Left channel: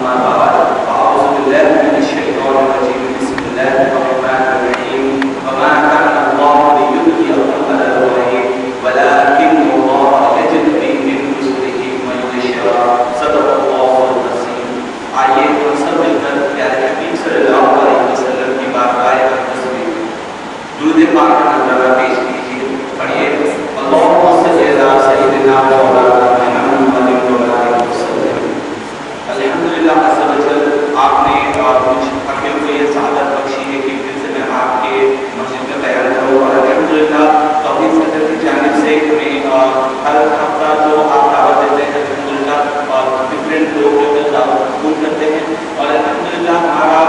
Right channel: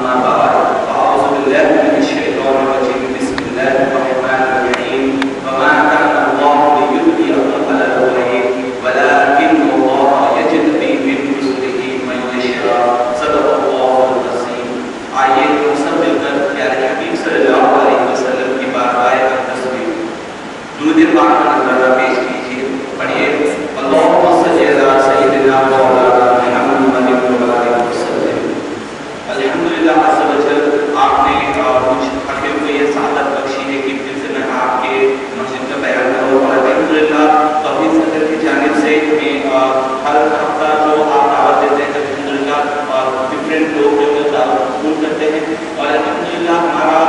أما بعد فأعوذ بالله من الشيطان الرجيم بسم الله الرحمن الرحيم وما كان الله ليطغيه على الغيب ولكن الله يجتبي من رسله من يشاء صدق الله العظيم. آئیے ہم سب مل کر پیارے حبیب صلی اللہ علیہ وسلم کی بارگاہ اقدس میں درود پاک کا نذرانہ پیش کیجیے. پڑھیے اللهم صل علی سیدنا مولانا محمد وعلى آلہ وسلم. الحمدللہ عز و جل آپ نے مجھ حقیق کو یہ سعادت بخشی ہے کہ پھر سے میں آپ کے مسجد میں بیان کروں. اور الحمدللہ توحید صدر کی جانب سے ہمیں ہر ہفتہ جو آپ دعوت دیتے ہیں الحمدللہ ڈفرینٹ لوگ جو ہے دعوت قبول کرتے ہیں. اور الحمدللہ ہمارا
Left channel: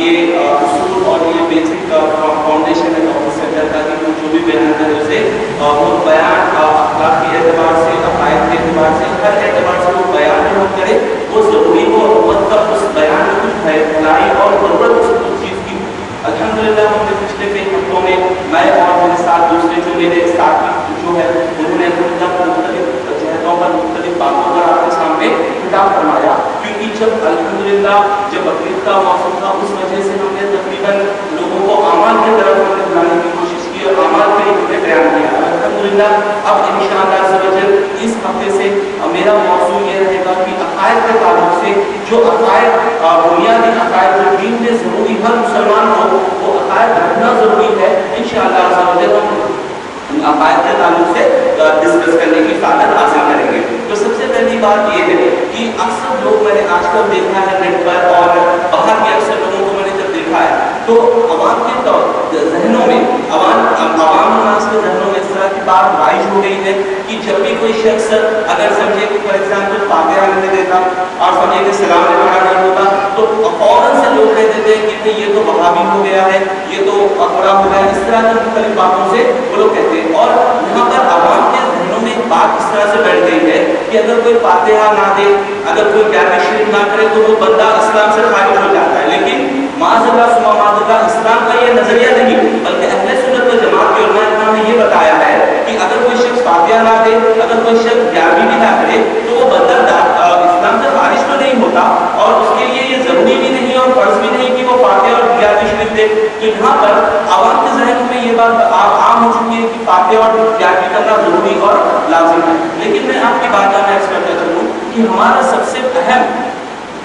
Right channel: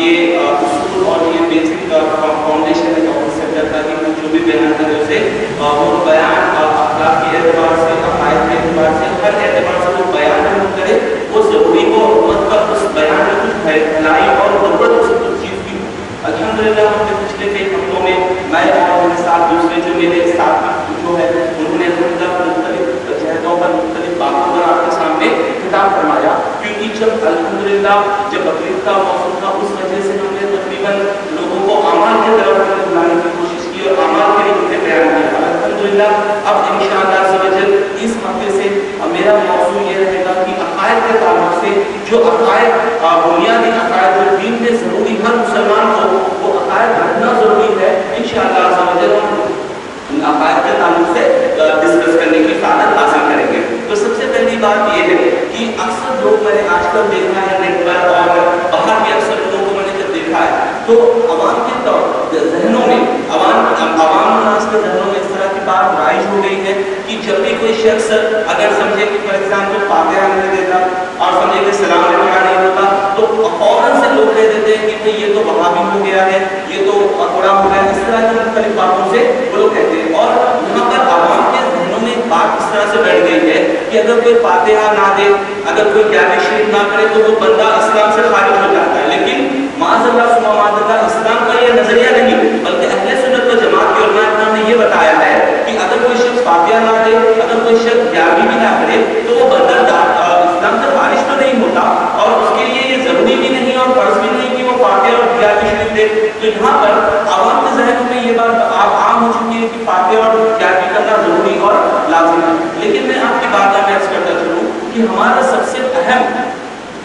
یہ اصول اور یہ بیسک فاؤنڈیشن ہے توحید صدر کا کہ جو بھی بیان کرے اسے وہ بیان اخلاق کے اعتبار سے عقائد کے اعتبار سے ہر اعتبار سے وہ بیان جو کرے وہ ضروری ہو مطلب اس بیان میں کچھ بھلائی اور ضرورت اس چیز کی. الحمدللہ ہم نے پچھلے کئی ہفتوں میں میں اور میرے ساتھ دوسرے جو میرے ساتھ جو ہے انہوں نے مختلف جہتوں پر مختلف باتوں پر آپ کے سامنے خطاب فرمایا. کیونکہ جب الحمدللہ جب بقرعید کا موسم تھا اس وجہ سے ہم نے تقریباً لوگوں کو اعمال کی طرف بلانے کی کوشش کی اور اعمال کے لیے بیان کیا. الحمدللہ اب انشاءاللہ عز و جل اس ہفتے سے میرا موضوع یہ رہے گا کہ عقائد کے تعلق سے جو عقائد بنیادی عقائد جو دین میں ضروری ہر مسلمان کو وہ عقائد رکھنا ضروری ہے. انشاءاللہ عز و جل ہم عقائد کے تعلق سے ڈسکس کرنے کی سعادت حاصل کریں گے. تو سب سے پہلی بات یہ ہے کہ اکثر لوگ میں نے آج کل دیکھا ہے نیٹ پر اور باہر کے اکثر لوگوں کو میں نے جب دیکھا ہے تو عوام کے ذہنوں میں عوام الناس کے ذہنوں میں اس طرح کی بات رائج ہو گئی ہے کہ جب بھی کوئی شخص اگر سمجھے کہ فار ایگزامپل فاتحہ نہیں دیتا اور سمجھے کہ سلام پڑھا نہیں ہوتا تو فوراً سے لوگ کہہ دیتے ہیں کہ یہ تو وہابی ہو گیا ہے یہ تو تھوڑا ہو گیا. اس طرح کی مختلف باتوں سے وہ لوگ کہتے ہیں. اور یہاں پر عوام کے ذہنوں میں ایک بات اس طرح سے بیٹھ گئی ہے کہ اگر کوئی فاتحہ نہ دے اگر کوئی جامع شریف نہ کرے تو وہ بندہ اسلام سے خارج ہو جاتا ہے. لیکن معاذ اللہ ثم معاذ اللہ اسلام کا یہ نظریہ نہیں بلکہ اہل سنت و جماعت کے علماء کرام نے یہ بتایا ہے کہ اگر کوئی شخص فاتحہ نہ دے اگر کوئی شخص جامع بھی نہ کرے تو وہ بندہ اسلام سے خارج تو نہیں ہوتا اور اس کے لیے یہ ضروری بھی نہیں اور فرض بھی نہیں کہ وہ فاتحہ اور جامع شریف دے. تو یہاں پر عوام کے ذہن میں یہ بات عام ہو چکی ہے کہ فاتحہ اور جامع کرنا ضروری اور لازم ہے. لیکن میں آپ کی بات میں عرض کرتا چلوں کہ ہمارا سب سے اہم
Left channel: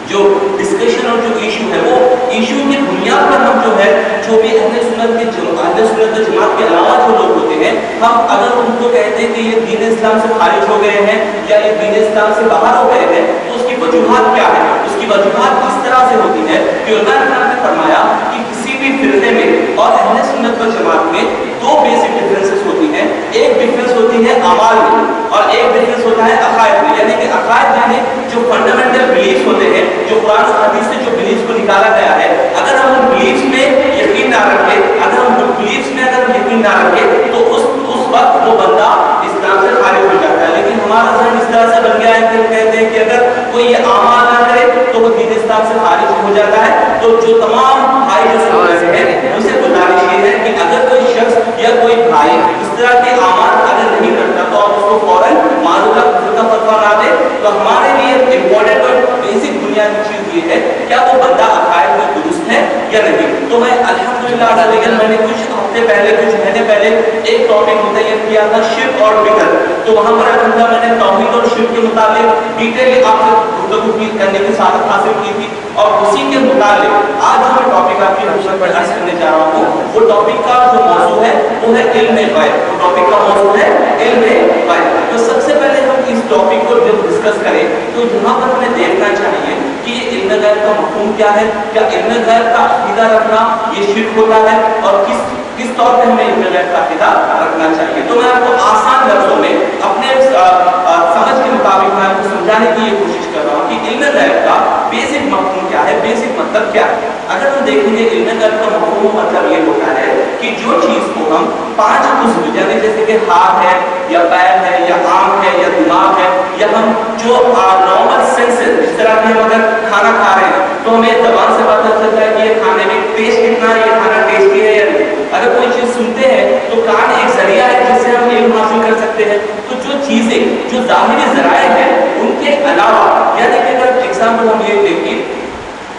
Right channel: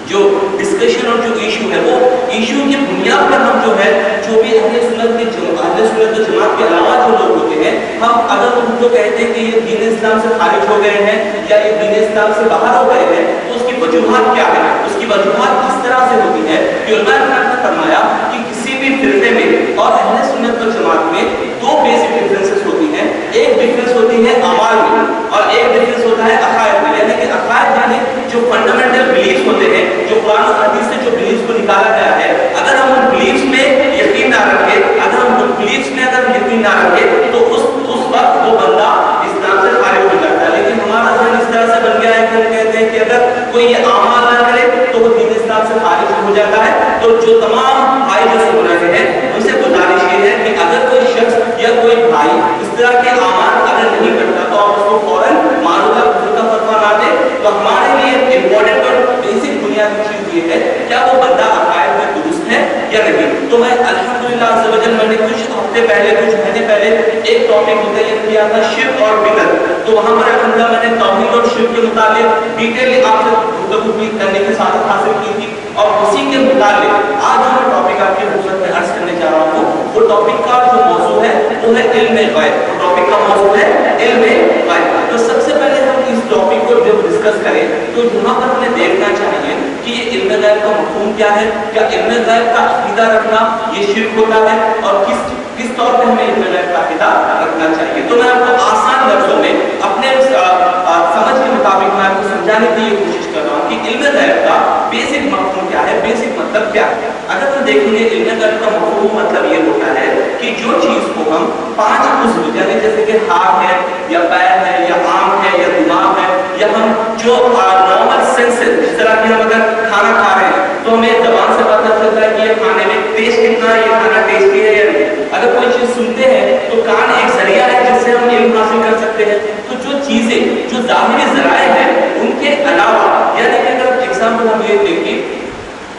جو ڈسکشن اور جو ایشو ہے وہ ایشو کی بنیاد پر ہم جو ہے جو بھی اہل سنت و جماعت کے علاوہ جو لوگ ہوتے ہیں ہم اگر ان کو کہتے ہیں کہ یہ دین اسلام سے خارج ہو گئے ہیں یا یہ دین اسلام سے باہر ہو گئے ہیں تو اس کی وجوہات کیا ہے. اس کی وجوہات اس طرح سے ہوتی ہے کہ علماء کرام نے فرمایا کہ کسی بھی فرقے میں اور اہل سنت و جماعت میں دو بیسک ڈفرینسز ہوتی ہیں. ایک ڈفرینس ہوتی ہے اعمال میں اور ایک ڈفرینس ہوتا ہے عقائد میں. یعنی کہ عقائد یعنی جو فنڈامنٹل بلیفز ہوتے ہیں جو قرآن و حدیث سے جو بلیفز کو نکالا گیا ہے اگر ہم ان بلیفز میں یقین نہ رکھیں اگر ہم ان بلیفز میں اگر یقین نہ رکھیں تو اس وقت وہ بندہ اسلام سے خارج ہو جاتا ہے. لیکن ہمارا ذہن اس طرح سے بن گیا ہے کہ ہم کہتے ہیں کہ اگر کوئی یہ اعمال نہ کرے تو وہ دین اسلام سے خارج ہو جاتا ہے. تو جو تمام بھائی جو سن رہے ہیں ان سے گزارش یہ ہے کہ اگر کوئی شخص یا کوئی بھائی اس طرح کے اعمال اگر نہیں کرتا تو آپ اس کو فوراً معذور کا فتویٰ نہ دے. تو ہمارے لیے امپورٹنٹ اور بیسک بنیادی چیز یہ ہے کیا وہ بندہ عقائد میں درست ہے یا نہیں. تو میں الحمدللہ عز و جل میں نے کچھ ہفتے پہلے کچھ مہینے پہلے ایک ٹاپک متعین کیا تھا شرک اور بدعت. تو وہاں پر الحمدللہ میں نے توحید اور شرک کے متعلق ڈیٹیل آپ سے گفتگو کرنے کی سعادت حاصل کی تھی. اور اسی کے متعلق آج جو میں ٹاپک آپ کی حضور میں عرض کرنے جا رہا ہوں وہ ٹاپک کا جو موضوع ہے وہ ہے علم غیب. وہ ٹاپک کا موضوع ہے علم غیب. تو سب سے پہلے ہم اس ٹاپک کو جب ڈسکس کریں تو یہاں پر ہمیں دیکھنا چاہیے کہ یہ علم غیب کا مفہوم کیا ہے. کیا علم غیب کا عقیدہ رکھنا یہ شرک ہوتا ہے اور کس طور پہ ہمیں علم غیب کا عقیدہ رکھنا چاہیے. تو میں آپ کو آسان لفظوں میں اپنے سمجھ کے مطابق میں آپ کو سمجھانے کی یہ کوشش کر رہا ہوں کہ علم غیب کا بیسک مفہوم کیا ہے بیسک مطلب کیا ہے. اگر ہم دیکھیں گے علم غیب کا مفہوم مطلب یہ ہوتا ہے کہ جو چیز کو ہم 5 عضو یعنی جیسے کہ ہاتھ ہے یا پیر ہے یا آنکھ ہے یا دماغ ہے یا ہم جو نارمل سینسز جس طرح کہ ہم اگر کھانا کھا رہے ہیں تو ہمیں زبان سے پتہ چلتا ہے کہ یہ کھانے میں ٹیسٹ کتنا ہے یہ کھانا ٹیسٹی ہے یا نہیں. اگر کوئی چیز سنتے ہیں تو کان ایک ذریعہ ہے جس سے ہم علم حاصل کر سکتے ہیں. تو جو چیزیں جو ظاہری ذرائع ہیں ان کے علاوہ یعنی کہ اگر ایگزامپل ہم یہ لیں گے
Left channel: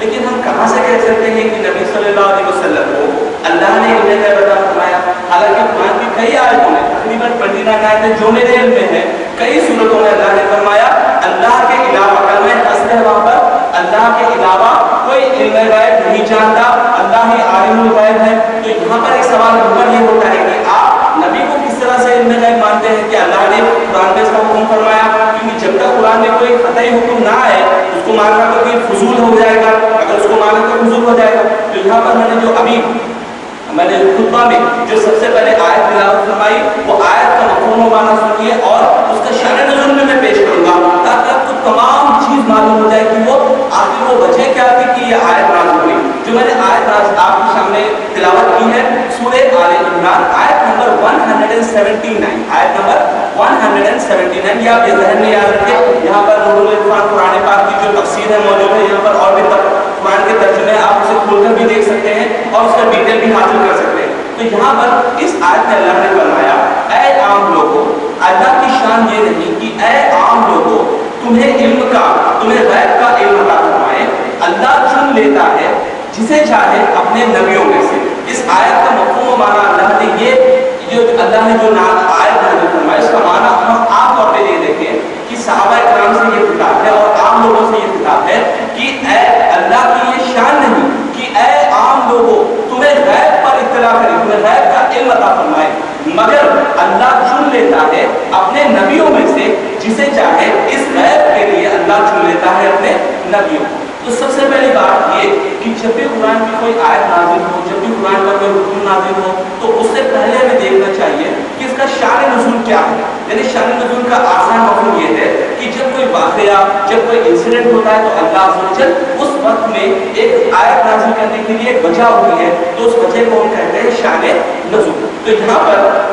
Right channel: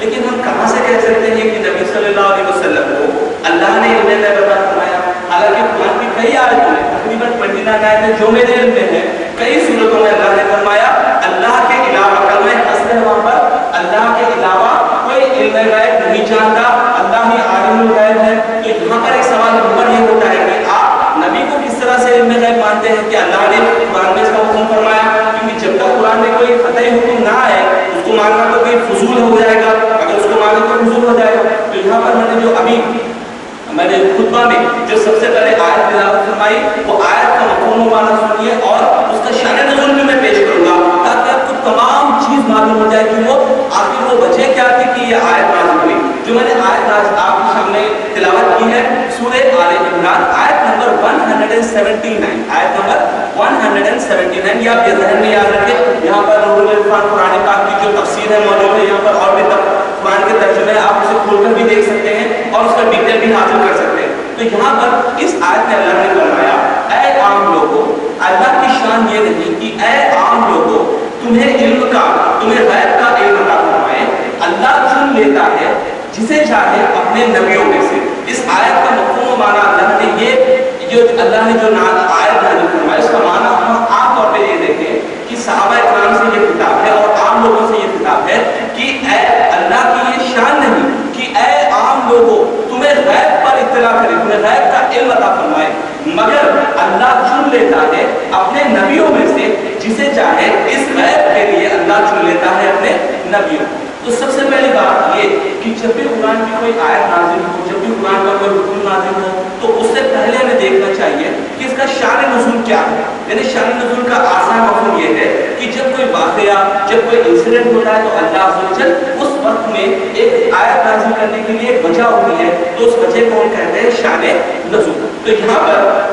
لیکن ہم کہاں سے کہہ سکتے ہیں کہ نبی صلی اللہ علیہ وسلم کو اللہ نے علم غیب عطا فرمایا؟ حالانکہ قرآن کی کئی آیتوں میں تقریباً 29 آیتیں جو میرے علم میں ہیں، کئی صورتوں میں اللہ نے فرمایا اللہ کے علاوہ، کلمہ حسب ہے وہاں پر، اللہ کے علاوہ کوئی علم غیب نہیں جانتا، اللہ ہی عالم الغیب ہے۔ تو یہاں پر ایک سوال نمبر یہ ہوتا ہے کہ آپ نبی کو کس طرح سے علم غیب مانتے ہیں کہ اللہ نے قرآن میں اس کا حکم فرمایا؟ کیونکہ جب تک قرآن میں کوئی قطعی حکم نہ آئے اس کو ماننا تو کوئی فضول ہو جائے گا، اگر اس کو مانے تو فضول ہو جائے گا۔ تو یہاں پر میں نے خطبہ میں جو سب سے پہلے آیت تلاوت فرمائی، وہ آیت کا مفہوم و معنی سنیے اور اس کا شان نزول میں پیش کروں گا تاکہ آپ کو تمام چیز معلوم ہو جائے کہ وہ آخر وہ وجہ کیا تھی کہ یہ آیت نازل ہوئی۔ جو میں نے آیت آج آپ کے سامنے تلاوت کی ہے سورہ آل عمران آیت نمبر 179، آیت نمبر 179، یہ آپ یہ ذہن میں یاد رکھیں۔ یہاں پر نور العرفان قرآن پاک کی جو تفسیر ہے موجود ہے، یہاں پر اور بھی قرآن کے ترجمے آپ اسے کھول کر بھی دیکھ سکتے ہیں اور اس کا ڈیٹیل بھی حاصل کر سکتے ہیں۔ تو یہاں پر اس آیت میں اللہ نے فرمایا اے عام لوگوں، اللہ کی شان یہ نہیں کہ اے عام لوگوں تمہیں غیب کا علم عطا فرمائے، اللہ چن لیتا ہے جسے چاہے اپنے نبیوں میں سے۔ اس آیت کا مفہوم و معنی اللہ نے جو آیت نازل فرمایا اس کا معنی ہم عام طور پہ یہ دیکھیں کہ صحابہ اکرام سے یہ خطاب ہے اور عام لوگوں سے یہ خطاب ہے کہ اے اللہ کی یہ شان نہیں کہ اے عام لوگوں تمہیں غیب پر اطلاع کرے، تمہیں غیب کا علم عطا فرمائے، مگر اللہ چن لیتا ہے اپنے نبیوں میں سے جسے چاہے۔ اس غیب کے لیے اللہ چن لیتا ہے اپنے نبیوں۔ تو سب سے پہلی بات یہ کہ جب بھی قرآن کی کوئی آیت نازل ہو، جب بھی قرآن کا کوئی حکم نازل ہو تو اس سے پہلے ہمیں دیکھنا چاہیے کہ اس کا شان نزول کیا ہے۔ یعنی شان نزول کا آسان مفہوم یہ ہے کہ جب کوئی واقعہ، جب کوئی انسیڈنٹ ہوتا ہے تو اللہ عز و جل اس وقت میں ایک آیت نازل کرنے کے لیے ایک وجہ ہوتی ہے، تو اس وجہ کو ہم کہتے ہیں شان نزول۔ تو یہاں پر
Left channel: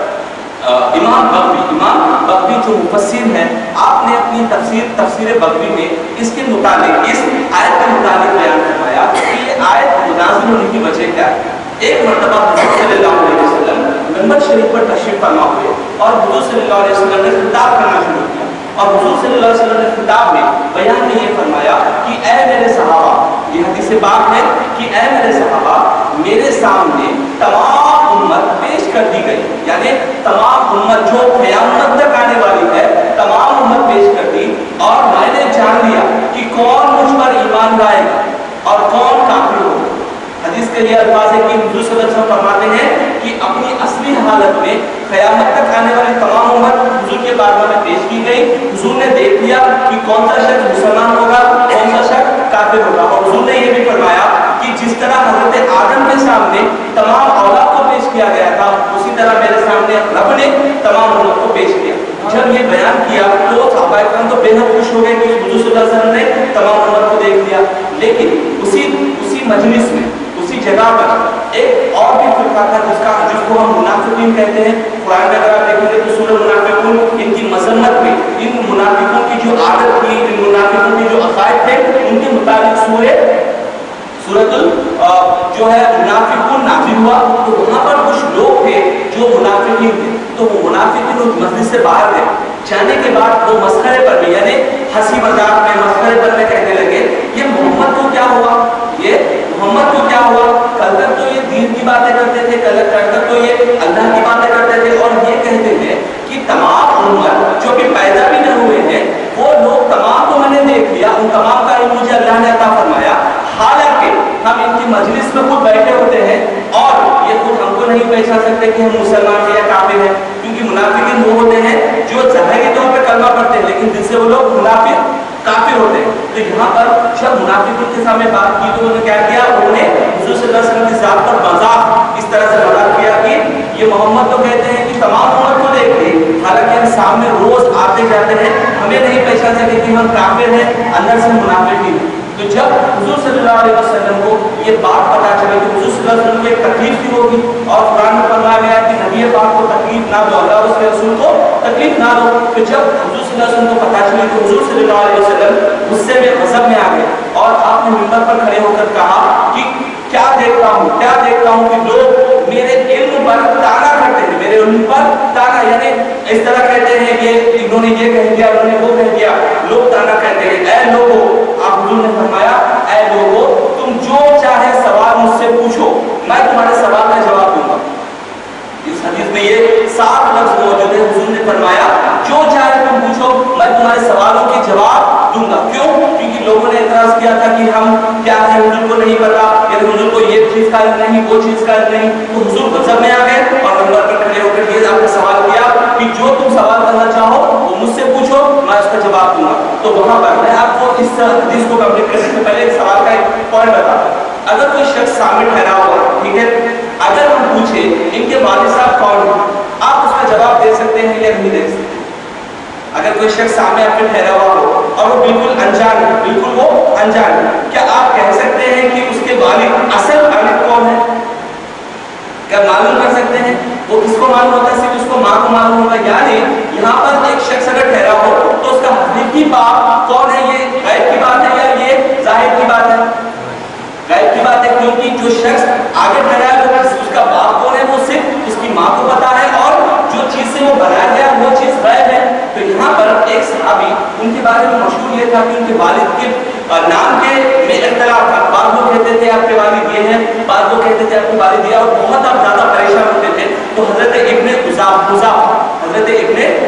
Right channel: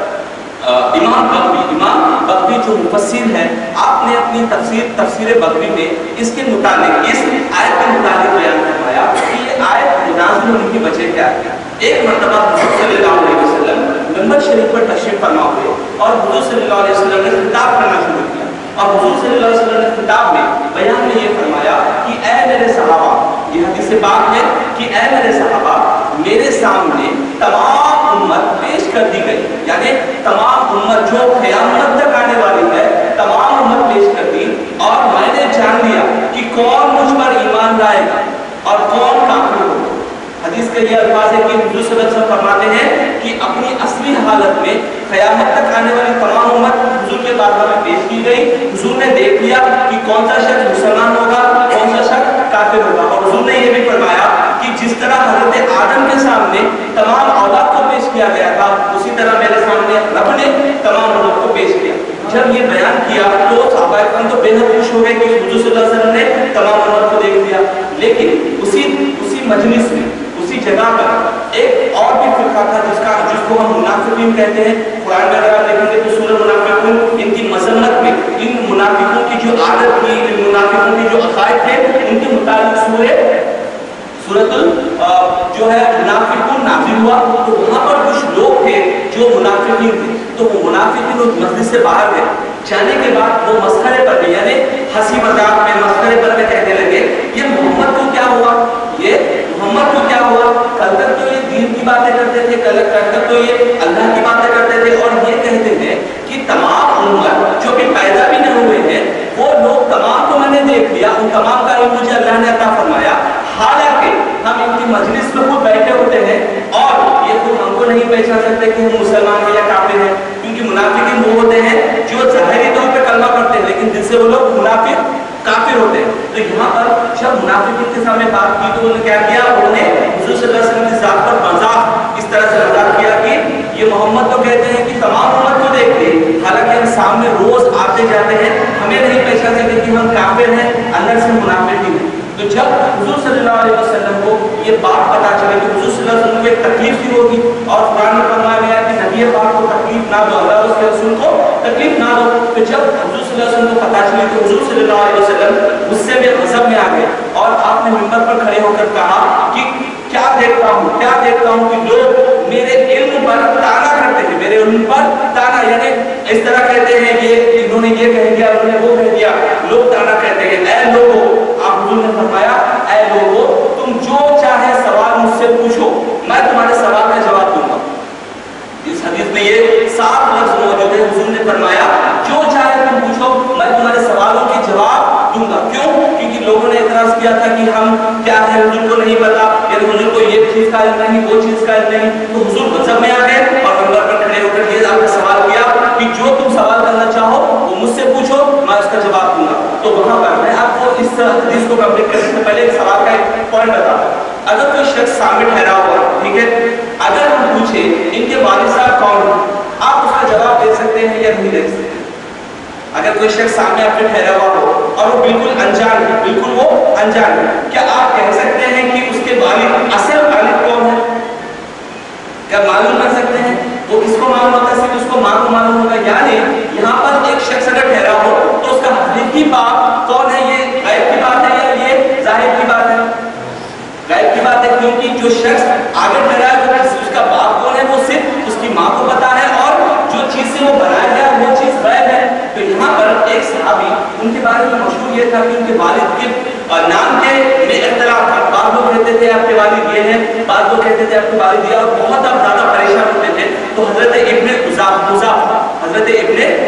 امام بغوی جو مفسر ہیں، آپ نے اپنی تفسیر بغوی میں اس کے متعلق، اس آیت کے متعلق بیان فرمایا کہ یہ آیت نازل ہونے کی وجہ کیا ہے۔ ایک مرتبہ حضور صلی اللہ علیہ وسلم منبر شریف پر تشریف فرما ہوئے اور حضور صلی اللہ علیہ وسلم نے خطاب کرنا شروع کیا، اور حضور صلی اللہ علیہ وسلم نے خطاب میں بیان میں یہ فرمایا کہ اے میرے صحابہ، یہ حدیث پاک ہے کہ اے میرے صحابہ میرے سامنے تمام امت پیش کر دی گئی، یعنی تمام امت جو قیامت تک آنے والی ہے تمام امت پیش کر دی، اور میں نے جان لیا کہ کون مجھ پر ایمان لائے گا اور کون کافر ہوگا۔ حدیث کے یہ الفاظ ہے کہ حضور صلی اللہ علیہ وسلم فرماتے ہیں کہ اپنی اصلی حالت میں قیامت تک آنے والی تمام امت حضور کے بارگاہ میں پیش کی گئی۔ حضور نے دیکھ لیا کہ کون سا شخص مسلمان ہوگا، کون سا شخص کافر ہوگا، اور حضور نے یہ بھی فرمایا کہ جس طرح حضرت آدم کے سامنے تمام اولاد کو پیش کیا گیا تھا اسی طرح میرے سامنے رب نے تمام امت کو پیش کیا۔ جب یہ بیان کیا تو صحابہ کرام تو بے حد خوش ہو گئے کہ حضور صلی اللہ علیہ وسلم نے تمام امت کو دیکھ لیا، لیکن اسی مجلس میں اسی جگہ پر ایک اور بھی فرقہ تھا جس کو ہم منافقین کہتے ہیں۔ قرآن میں اگر آپ دیکھیں گے تو سورہ منافقون ان کی مذمت میں، ان منافقوں کی جو عادت تھی، ان منافقوں کی جو عقائد تھے ان کے متعلق سورۃ جو ہے منافقون نازل ہوا۔ تو وہاں پر کچھ لوگ تھے جو منافقین تھے، تو وہ منافقین اس مسجد سے باہر گئے، جانے کے بعد وہ مسخرے پر میں، یعنی ہنسی مذاق میں، مسخرے پر میں کہنے لگے یہ محمد کو کیا ہوا، کل تک تو یہ دین کی باتیں کرتے تھے، کل تک تو یہ اللہ کی باتیں کرتے تھے، اور یہ کہتے ہیں کہ تمام امت جو بھی پیدا بھی نہ ہوئے ہیں وہ لوگ تمام کو میں نے دیکھ لیا، ان تمام کا علم مجھے اللہ نے عطا فرمایا، حالانکہ ہم ان کی مجلس میں خود بیٹھے ہوتے ہیں اور یہ خود ہم کو نہیں پہچان سکتے کہ ہم مسلمان ہیں یا کافر ہیں، کیونکہ منافقین وہ ہوتے ہیں جو ظاہری طور پہ کلمہ پڑھتے ہیں لیکن دل سے وہ لوگ منافق کافر ہوتے ہیں۔ تو یہاں پر جب منافقین کے سامنے بات کی تو انہوں نے کیا کیا، انہوں نے حضور صلی اللہ علیہ وسلم کی ذات پر مذاق، اس طرح سے مذاق کیا کہ یہ محمد تو کہتے ہیں کہ تمام امت کو دیکھ لے، حالانکہ ہم سامنے روز آتے جاتے ہیں، ہمیں نہیں پہچان سکتے کہ ہم کافر ہیں، اندر سے منافق ہی ہیں۔ تو جب حضور صلی اللہ علیہ وسلم کو یہ بات پتا چلے کہ حضور صلی اللہ علیہ وسلم کو ایک تکلیف سی ہوگی، اور قرآن میں فرمایا گیا کہ نبی پاک کو تکلیف نہ دو، اللہ اس کے رسول کو تکلیف نہ دو۔ تو جب حضور صلی اللہ علیہ وسلم کو پتا چلی تو حضور صلی اللہ علیہ وسلم غصے میں، غضب میں آ گئے، اور آپ نے منبر پر کھڑے ہو کر کہا کہ کیا دیکھتا ہوں کہ لوگ میرے علم پر تانا کرتے ہیں، میرے علم پر تانا، یعنی اس طرح کہتے ہیں یہ انہوں نے یہ کہہ دیا، انہوں نے وہ کہہ دیا، لوگ تانا کہتے ہیں۔ اے لوگوں، آپ حضور نے فرمایا اے لوگوں تم سوالوں کے جواب دوں گا. کیوں؟ کیونکہ لوگوں نے اعتراض کیا تھا کہ ہم کیا ہے حضور کو نہیں پتا، یعنی حضور کو یہ چیز کا علم نہیں، وہ چیز کا علم نہیں. تو حضور منصب میں آ گئے اور منبر پر کھڑے ہو کر یہ آپ نے سوال کیا کہ جو تم سوال کرنا چاہو وہ مجھ سے پوچھو، میں اس کا جواب دوں گا. تو وہاں پر میں آپ کو اس حدیث کو کمپلیٹ کرنے سے پہلے ایک سوال کا ایک پوائنٹ بتا دوں. اگر کوئی شخص سامنے ٹھہرا ہوا، ٹھیک ہے، اگر ہم پوچھیں ان کے والد صاحب کون ہیں، آپ اس کا جواب دے سکتے ہیں یا نہیں دے سکتے؟ اگر کوئی شخص سامنے آپ کے ٹھہرا ہوا ہو اور وہ بالکل انجان ہے، بالکل وہ انجان ہے، کیا آپ کہہ سکتے ہیں کہ اس کے والد اصل والد کون ہے؟ کیا معلوم کر سکتے ہیں؟ وہ کس کو معلوم ہوتا ہے؟ صرف اس کو ماں کو معلوم ہوتا ہے. یعنی یہاں پر ایک شخص اگر ٹھہرا ہو تو اس کا حقیقی باپ کون ہے، یہ غیب کی بات ہے یا یہ ظاہر کی بات ہے؟ غیب کی بات ہے، کیونکہ جو شخص آگے ٹھہرا ہے وہ اس کا باپ کون ہے وہ صرف اس کی ماں کو پتا ہے، اور جو چیز سے وہ بنایا گیا وہ چیز غیب ہے. تو یہاں پر ایک صحابی، ان کے بارے میں مشہور یہ تھا کہ ان کے والد کے نام کے میں اختلاف تھا. بعض لوگ کہتے تھے آپ کے والد یہ ہیں، بعض لوگ کہتے تھے آپ کے والد یہ، اور بہت آپ زیادہ پریشان ہوتے تھے. تو حضرت ابن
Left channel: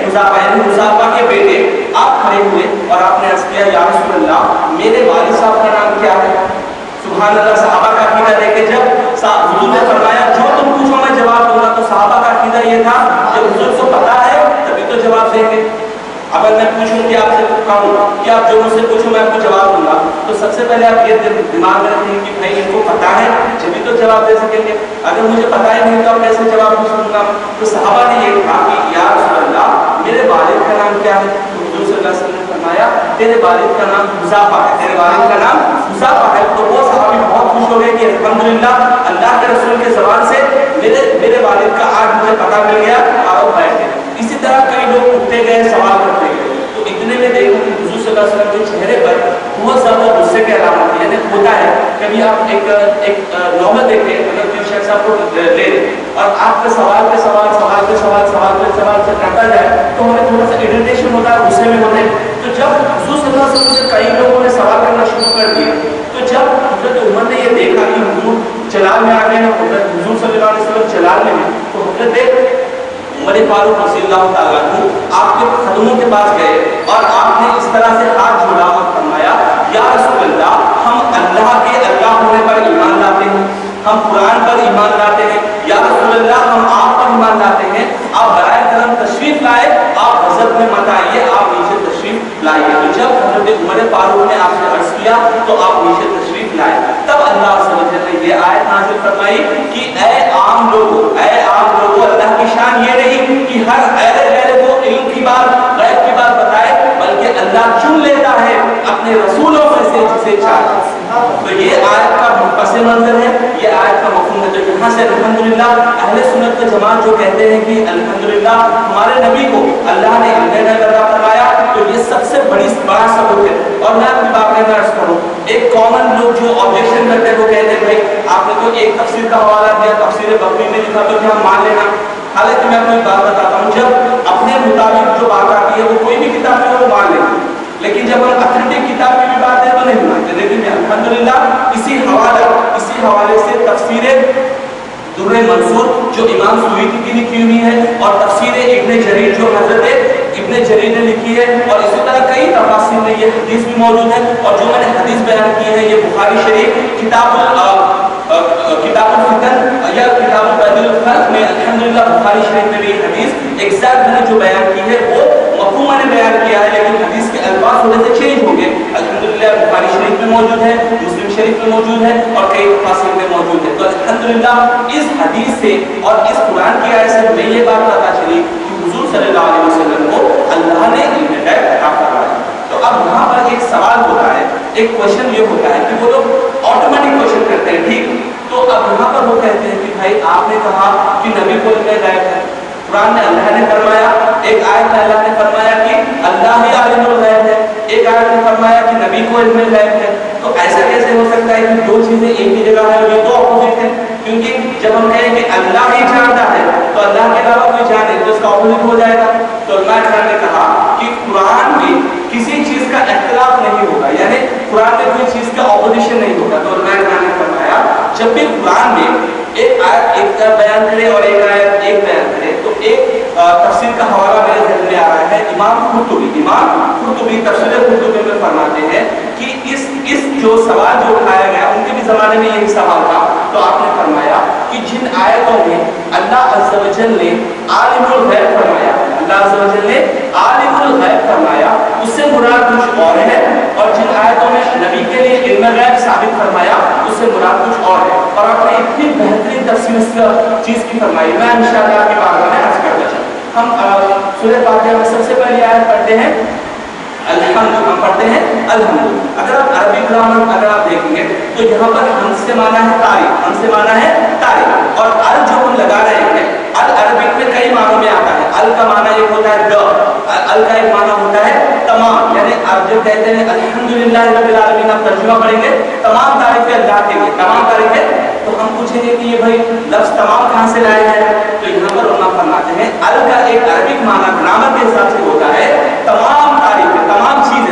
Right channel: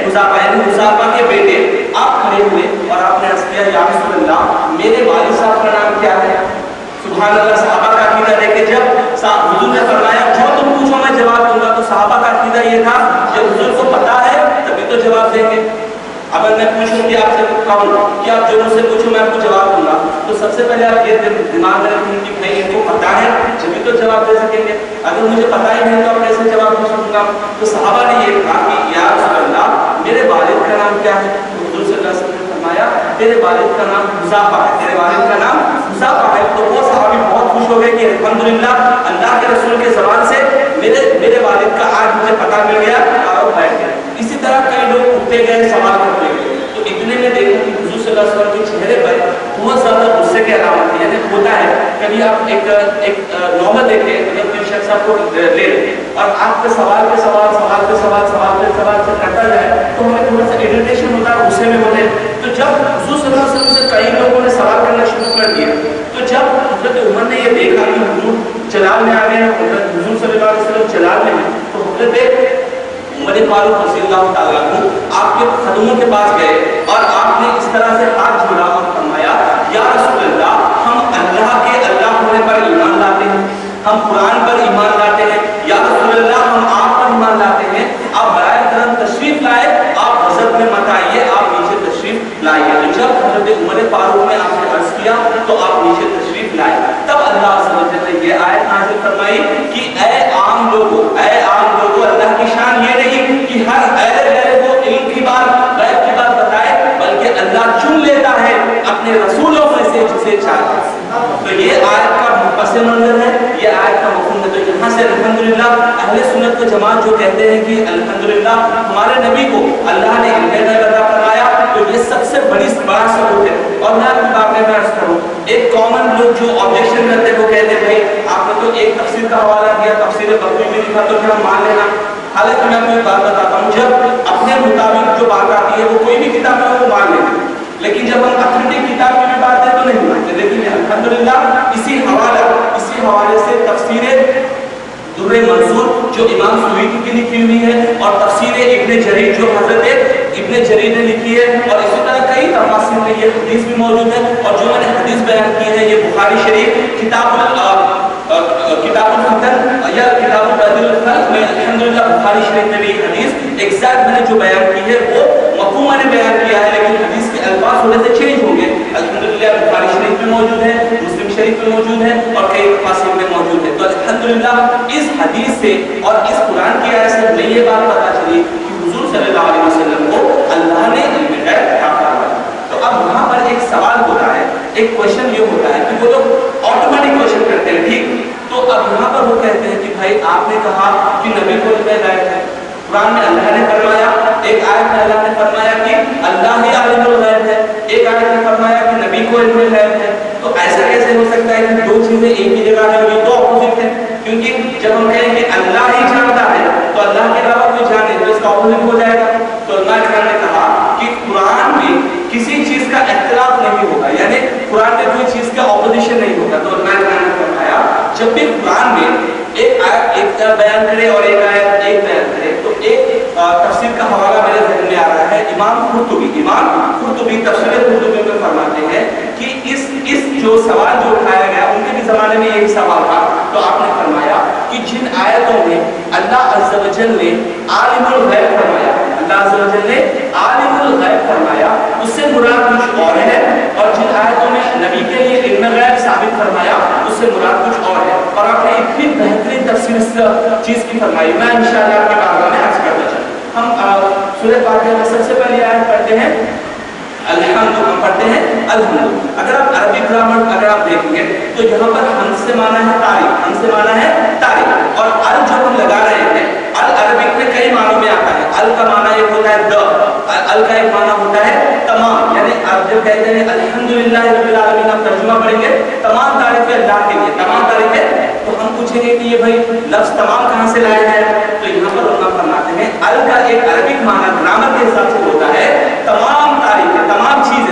حذافہ یعنی حذافہ کے بیٹے آپ کھڑے ہوئے اور آپ نے عرض کیا یا رسول اللہ میرے والد صاحب کا نام کیا ہے؟ سبحان اللہ. صحابہ کا عقیدہ دیکھیں، جب حضور نے فرمایا جو تم پوچھو میں جواب دوں گا، تو صحابہ کا عقیدہ یہ تھا جب حضور کو پتا ہے تبھی تو جواب دیں گے. اگر میں پوچھوں کہ آپ سے کہوں کہ آپ جو مجھ سے پوچھو میں آپ کو جواب دوں گا، تو سب سے پہلے آپ یہ دماغ میں رکھیں کہ بھائی ان کو پتا ہے جبھی تو جواب دے سکیں گے. اگر مجھے پتا ہی نہیں تو آپ کیسے جواب دے سکوں گا؟ تو صحابہ نے یہ کہا کہ یا رسول اللہ میرے والد کا نام کیا ہے؟ تو حضور صلی اللہ علیہ وسلم نے فرمایا تیرے والد کا نام حذافہ ہے، تیرے والد کا نام حذافہ ہے. تو وہ صحابی بہت خوش ہو گئے کہ الحمدللہ اللہ کے رسول کے زبان سے میرے والد کا آج مجھے پتا مل گیا، اور بیٹھ گئے. اسی طرح کئی لوگ اٹھتے گئے، سوال کرتے گئے. تو اتنے میں دیکھا کہ حضور صلی اللہ علیہ وسلم کے چہرے پر بہت زیادہ غصے کے علامات ہیں. یعنی ہوتا ہے کبھی آپ ایک نوبت دیکھیں، اگر کوئی شخص آپ کو لے اور آپ کے سوال سے کرتا جائے تو ہمیں تھوڑا سا ایڈیٹیشن ہوتا ہے، غصے میں ہوتے ہیں. تو جب حضور صلی اللہ علیہ وسلم سے کئی لوگوں نے سوال کرنا شروع کر دیے، تو جب حضرت عمر نے یہ دیکھا کہ حضور جلال میں آ گئے ہیں، حضور صلی اللہ علیہ وسلم جلال میں ہیں، تو حضرت عمر فاروق رضی اللہ تعالیٰ عنہ آپ کے قدموں کے پاس گئے اور آپ نے اس طرح سے ہاتھ جوڑا اور فرمایا یا رسول اللہ ہم اللہ کے اللہ ہونے پر ایمان لاتے ہیں، ہم قرآن پر ایمان لاتے ہیں، یا رسول اللہ ہم آپ پر ایمان لاتے ہیں، آپ برائے کرم تشریف لائے، آپ غضب میں مت آئیے، آپ نیچے تشریف لائیے. تو جب حضرت عمر فاروق نے آپ سے عرض کیا تو آپ نیچے تشریف لائے. تب اللہ سبحانہ نے یہ آیت نازل فرمائی کہ اے عام لوگوں اللہ کی شان یہ نہیں کہ ہر غیر وہ علم کی بات غیب کی بات بتائے، بلکہ اللہ چن لیتا ہے اپنے رسولوں میں سے جسے چاہے. تو یہ آیت کا پس منظر ہے، یہ آیت کا مفہوم ہے. تو یہاں سے الحمدللہ اہل سنت و جماعت جو کہتے ہیں کہ الحمدللہ ہمارے نبی کو اللہ نے علم غیب عطا فرمایا، تو یہ سب سے بڑا ثبوت ہے. اور میں آپ کی بات میں عرض کروں، ایک کامن لوگ جو آبجیکشن کرتے ہیں وہ کہتے ہیں بھائی آپ نے تو ایک تفسیر کا حوالہ دیا، تفسیر بغوی میں لکھا تو کیا ہم مان لینا؟ حالانکہ میں آپ کو ایک بات بتاتا ہوں، جب اپنے مطابق جو بات آتی ہے وہ کوئی بھی کتاب ہے وہ مان لیتے ہیں، لیکن جب ہم اتھینٹک کتاب کی بھی بات ہے تو نہیں مانتے. لیکن الحمدللہ اسی حوالے سے تفسیر در منصور جو امام سیوطی کی لکھی ہوئی ہے، اور تفسیر ابن جریر جو حضرت ابن جریر نے لکھی ہے، اور اسی طرح کئی تفاسیر میں یہ حدیث بھی موجود ہے. اور جو میں نے حدیث بیان کی ہے یہ بخاری شریف کتاب الفتن یا کتاب البدل الخلق میں الحمدللہ بخاری شریف میں بھی یہ حدیث ایگزیکٹ میں نے جو بیان کی ہے وہ مفہوم میں نے بیان کیا ہے، لیکن حدیث کے الفاظ تھوڑے سے چینج ہوں گے. الحمدللہ بخاری شریف میں موجود ہے، مسلم شریف میں موجود ہے، اور کئی تفاسیر میں موجود ہے. تو الحمدللہ اس حدیث سے اور اس قرآن کی آیت سے ہمیں یہ بات پتہ چلی کہ حضور صلی اللہ علیہ وسلم کو اللہ نے علم غیب عطا فرمایا. تو اب وہاں پر ایک سوال ہوتا ہے، ایک کوشچن یہ ہوتا ہے کہ وہ لوگ آٹومیٹک کوشچن کرتے ہیں، ٹھیک. تو اب وہاں پر وہ کہتے ہیں کہ بھائی آپ نے کہا کہ نبی کو علم غیب ہے، قرآن میں اللہ نے فرمایا، ایک آیت میں اللہ نے فرمایا کہ اللہ ہی عالم الغیب ہے، ایک آیت نے فرمایا کہ نبی کو علم غیب ہے. تو ایسا کیسے ہو سکتا ہے کہ دو چیزیں ایک ہی جگہ ہیں اور یہ دو اپوزٹ ہیں؟ کیونکہ جب ہم کہیں کہ اللہ ہی جانتا ہے تو اللہ کے علاوہ کوئی جانے تو اس کا اپوزٹ ہو جائے گا. تو علماء کرام نے کہا کہ قرآن میں کسی چیز کا اختلاف نہیں ہوگا، یعنی قرآن میں کوئی چیز کا اپوزیشن نہیں ہوگا. تو علماء کرام نے فرمایا جب بھی قرآن میں ایک آیت ایک بیان کرے اور ایک آیت ایک بیان کرے، تو ایک تفسیر کا حوالہ میرے ذہن میں آ رہا ہے امام قرطبی تفسیر قرطبی میں فرماتے ہیں کہ اس جو سوال جو اٹھایا گیا ان کے بھی زمانے میں یہی سوال تھا، تو آپ نے فرمایا کہ جن آیتوں میں اللہ عز و جل نے عالم الغیب فرمایا، اللہ عز و جل نے عالم الغیب فرمایا، اس سے مراد کچھ اور ہے، اور جن آیتوں میں نبی کے لیے علم غیب ثابت فرمایا اس سے مراد کچھ اور ہے، اور آپ نے اتنی بہترین تفسیر اس چیز کی فرمائی، میں انشاءاللہ آپ کی بارگاہ میں عرض کرتا چلوں۔ ہم سورہ فاتحہ میں سب سے پہلی آیت پڑھتے ہیں الحمد، ہم پڑھتے ہیں الحمد۔ اگر آپ عربی گرامر اگر آپ دیکھیں گے تو یہاں پر حمد سے معنی ہے تعریف، حمد سے معنی ہے تعریف، اور ال جو ہم لگا رہے ہیں ال عربک میں کئی معنوں میں آتا ہے۔ ال کا معنی یہ ہوتا ہے ال کا ایک معنی ہوتا ہے تمام، یعنی آپ جب کہتے ہیں الحمدللہ رب العالمین، آپ ترجمہ پڑھیں گے تمام تعریفیں اللہ کے لیے، تمام تعریفیں، تو ہم پوچھیں گے کہ یہ بھائی لفظ تمام کہاں سے لائے ہیں، تو یہاں پر علماء فرماتے ہیں ال کا ایک عربک معنی گرامر کے حساب سے ہوتا ہے تمام تعریفیں، تمام چیزیں۔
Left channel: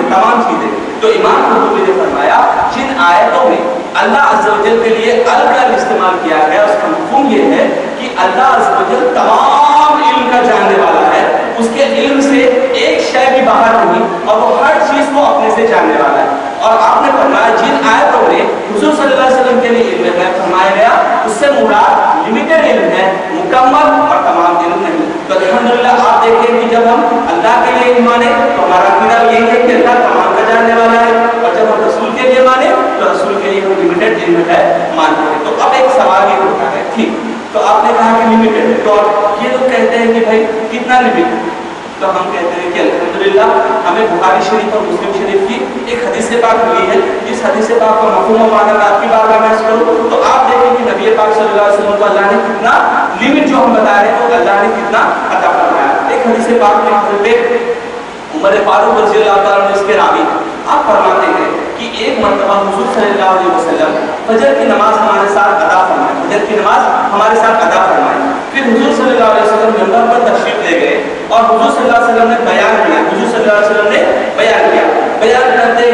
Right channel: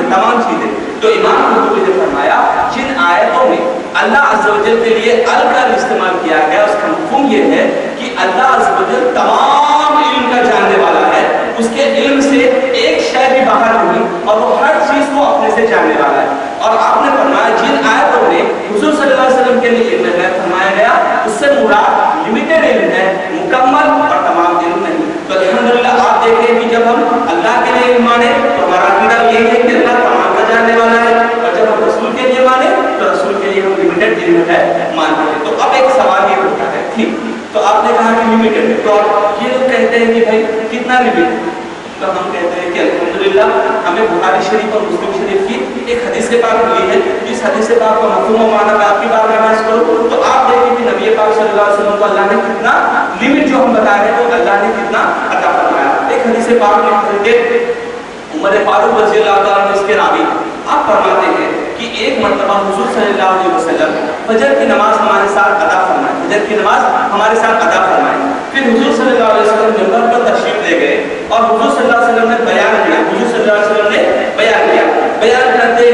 تو امام قرطبی نے فرمایا جن آیتوں میں اللہ عز و جل کے لیے ال کا استعمال کیا گیا اس کا مفہوم یہ ہے کہ اللہ عز و جل تمام علم کا جاننے والا ہے، اس کے علم سے ایک شے بھی باہر نہیں، اور وہ ہر چیز کو اپنے سے جاننے والا ہے۔ اور آپ نے فرمایا جن آیتوں میں حضور صلی اللہ علیہ وسلم کے لیے علم غیب فرمایا گیا اس سے مراد لمیٹڈ علم ہے، مکمل اور تمام علم نہیں۔ تو الحمدللہ آپ دیکھیں کہ جب ہم اللہ کے لیے علم مانے تو ہمارا عقیدہ یہی ہے کہ اللہ تمام کا جاننے والا ہے، اور جب ہم رسول کے لیے مانے تو رسول کے لیے ہم لمیٹڈ علم ہے مانتے ہیں۔ تو اب ایک سوال یہ اٹھتا ہے، ٹھیک تو آپ نے کہا کہ لمیٹڈ ہے، تو یہ لوگ کہتے ہیں کہ بھائی کتنا لمیٹ، تو ہم کہتے ہیں کہ الحمدللہ ہمیں بخاری شریف اور مسلم شریف کی ایک حدیث پاک ملی ہے، جس حدیث پاک کا مفہوم و معنی میں آپ کی بارگاہ میں عرض کروں تو آپ دیکھیں کہ نبی پاک صلی اللہ علیہ وسلم کو اللہ نے کتنا لمٹ جو ہم بتا رہے ہیں تو اللہ نے کتنا عطا فرمایا۔ ایک حدیث پاک میں حضرت عمر فاروق رضی اللہ تعالیٰ عنہ اس کے راوی آپ فرماتے ہیں کہ ایک مرتبہ حضور صلی اللہ علیہ وسلم فجر کی نماز ہمارے ساتھ ادا فرمائے، فجر کی نماز ہمارے ساتھ ادا فرمائے، پھر حضور صلی اللہ علیہ وسلم ممبر پر تشریف لے گئے اور حضور صلی اللہ علیہ وسلم نے بیان کیا، حضور صلی اللہ علیہ وسلم نے بیان کرتے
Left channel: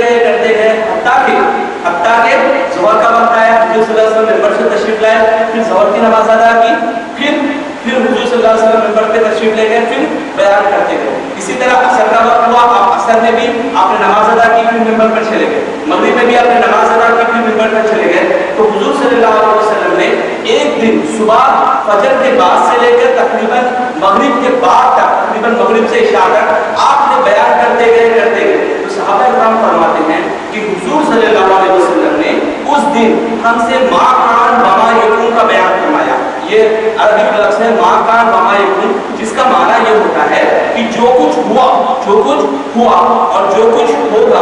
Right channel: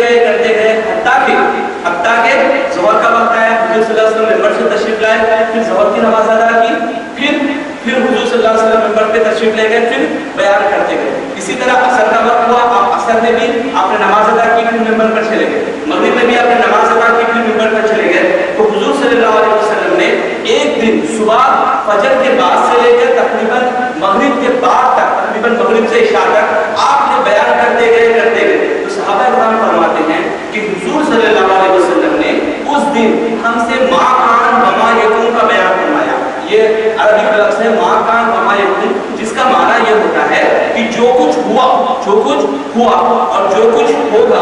گئے حتیٰ کہ ظہر کا وقت آیا، حضور صلی اللہ علیہ وسلم ممبر سے تشریف لائے، پھر ظہر کی نماز ادا کی، پھر حضور صلی اللہ علیہ وسلم ممبر پہ تشریف لے گئے، پھر بیان کرتے گئے۔ اسی طرح عصر کا وقت ہوا، آپ عصر میں بھی آپ نے نماز ادا کی، پھر ممبر پر چلے گئے، مغرب میں بھی آپ نے نماز ادا کی، پھر ممبر پر چلے گئے۔ تو حضور صلی اللہ علیہ وسلم نے ایک دن صبح فجر کے بعد سے لے کر تقریباً مغرب کے بعد تک، تقریباً مغرب سے عشاء تک آپ نے بیان کرتے گئے۔ تو صحابہ کرام فرماتے ہیں کہ حضور صلی اللہ علیہ وسلم نے اس دن ہم سے ما کان وما یکون کا بیان فرمایا۔ یہ عربی کا لفظ ہے ما کان وما یکون، جس کا معنی یہ ہوتا ہے کہ جو کچھ ہوا اور جو کچھ ہوگا